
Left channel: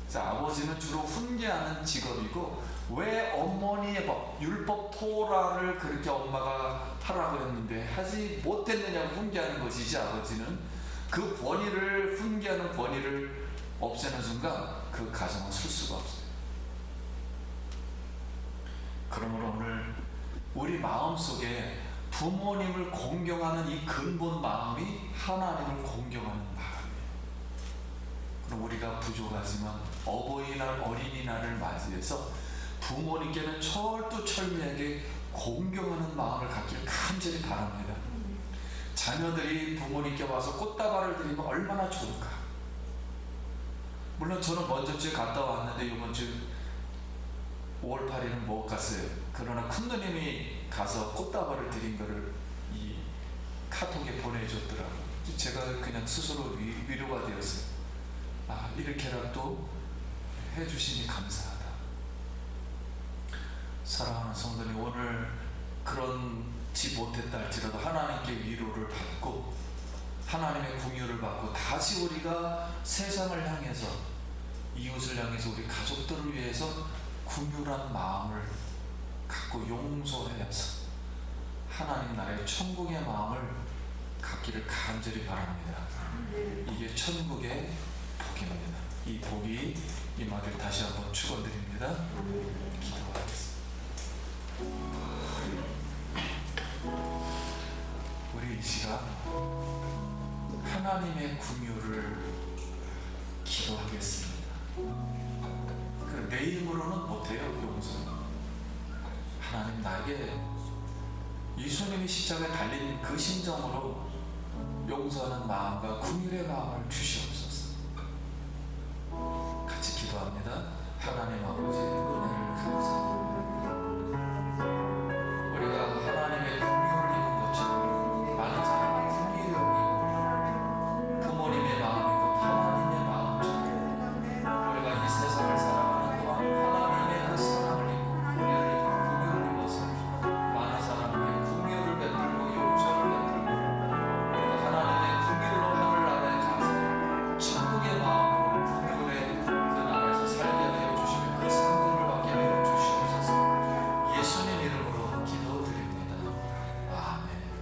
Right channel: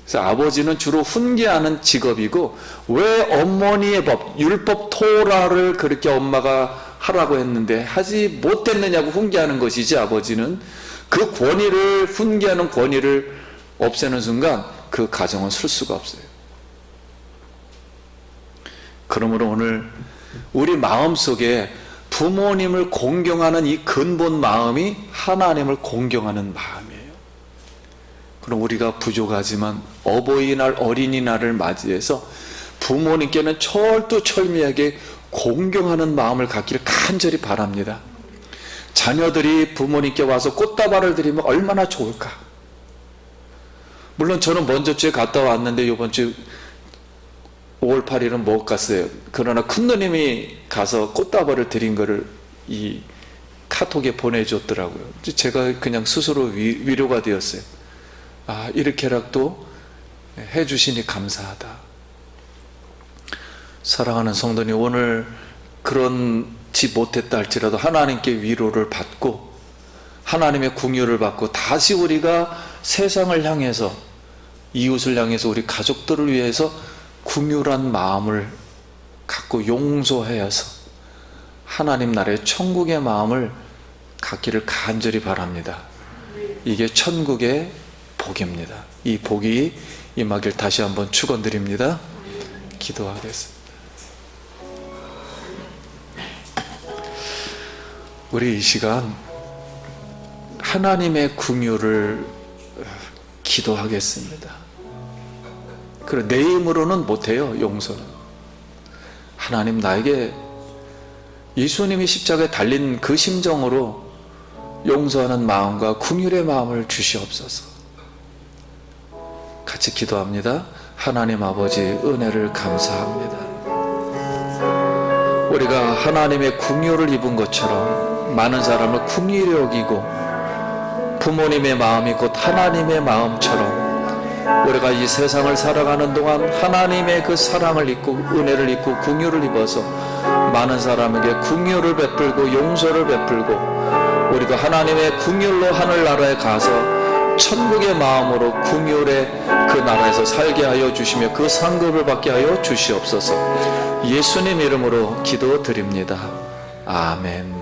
그래서 아버지는 주로 훈계하는 직업이고, 왜 어머니의 법, 율법 토라를 그렇게 엄마가 하라고 했는데 하지 못했느냐고 훈계하는 것이지, 아버지는 그 권위를, 훈계하는 권위를 없애는 순간 그 가정은 설 수가 없어요. 그러므로 오늘 우리 마음속에 부모님을 공경하는 이 근본 마음이 하나님을 공경하는 마음이에요. 그럼 우리가 부족하지만 어버이날 어린이날을 맞이해서 부모님께는 철두철미하게 공경하는 마음을 갖기를 간절히 바랍니다. 자녀들이 부모님께 와서 꽃다발을 드리면 얼마나 좋을까. 물론 저는 먼저 주에 갔다 왔는데 이번 주 5월 8일은 못 갔어요. 그러나 큰누님이 가서 꽃다발을 드린 거를 이 카톡에 보내줬더라고요. 제가 그냥 스스로 위로가 되었어요. 아, 이렇게라도 해주시니 감사하다. 사랑하는 성도님, 오늘 그런지 못했다 할지라도 하나님께 위로를 받고 하나님의 궁유를 받고 다시 우리가 세상을 향해서, 이웃을 향해서, 우리 가족들을 위해서 궁유란 마음을 갖고 용서해서 하나님 나라의 천국의 마음을 갖기를 간절히 바랍니다. 이게 천국의 복입니다. 이 복이 임하길 다시 한번 축원드립니다. 기도하겠습니다. 우리 이 시간 하나님의 궁유를 기도하겠습니다. 그리고 내 힘으로는 못해요. 용서는 하나님, 나에게 예수님이 십자가에 달린 그 심정으로 용서하는 마음과 긍휼의 마음을 주시옵소서. 같이 기도합니다. 하나님 아버지, 은혜를 감사합니다. 우리가 하나님의 긍휼을 입은 것처럼 많은 사람을 긍휼히 여기고 부모님의 마음이 곧 하나님의 마음처럼 우리가 이 세상을 살아가는 동안 하나님의 그 사랑을 입고 은혜를 입고 긍휼을 입어서 많은 사람에게 긍휼을 베풀고 용서를 베풀고 우리도 하나님의 긍휼로 하늘나라에 가서 천국의 마음으로 긍휼의 그 나라에서 살게 하여 주시며 그 상급을 받게 하여 주시옵소서. 예수님 이름으로 기도드립니다. 아멘.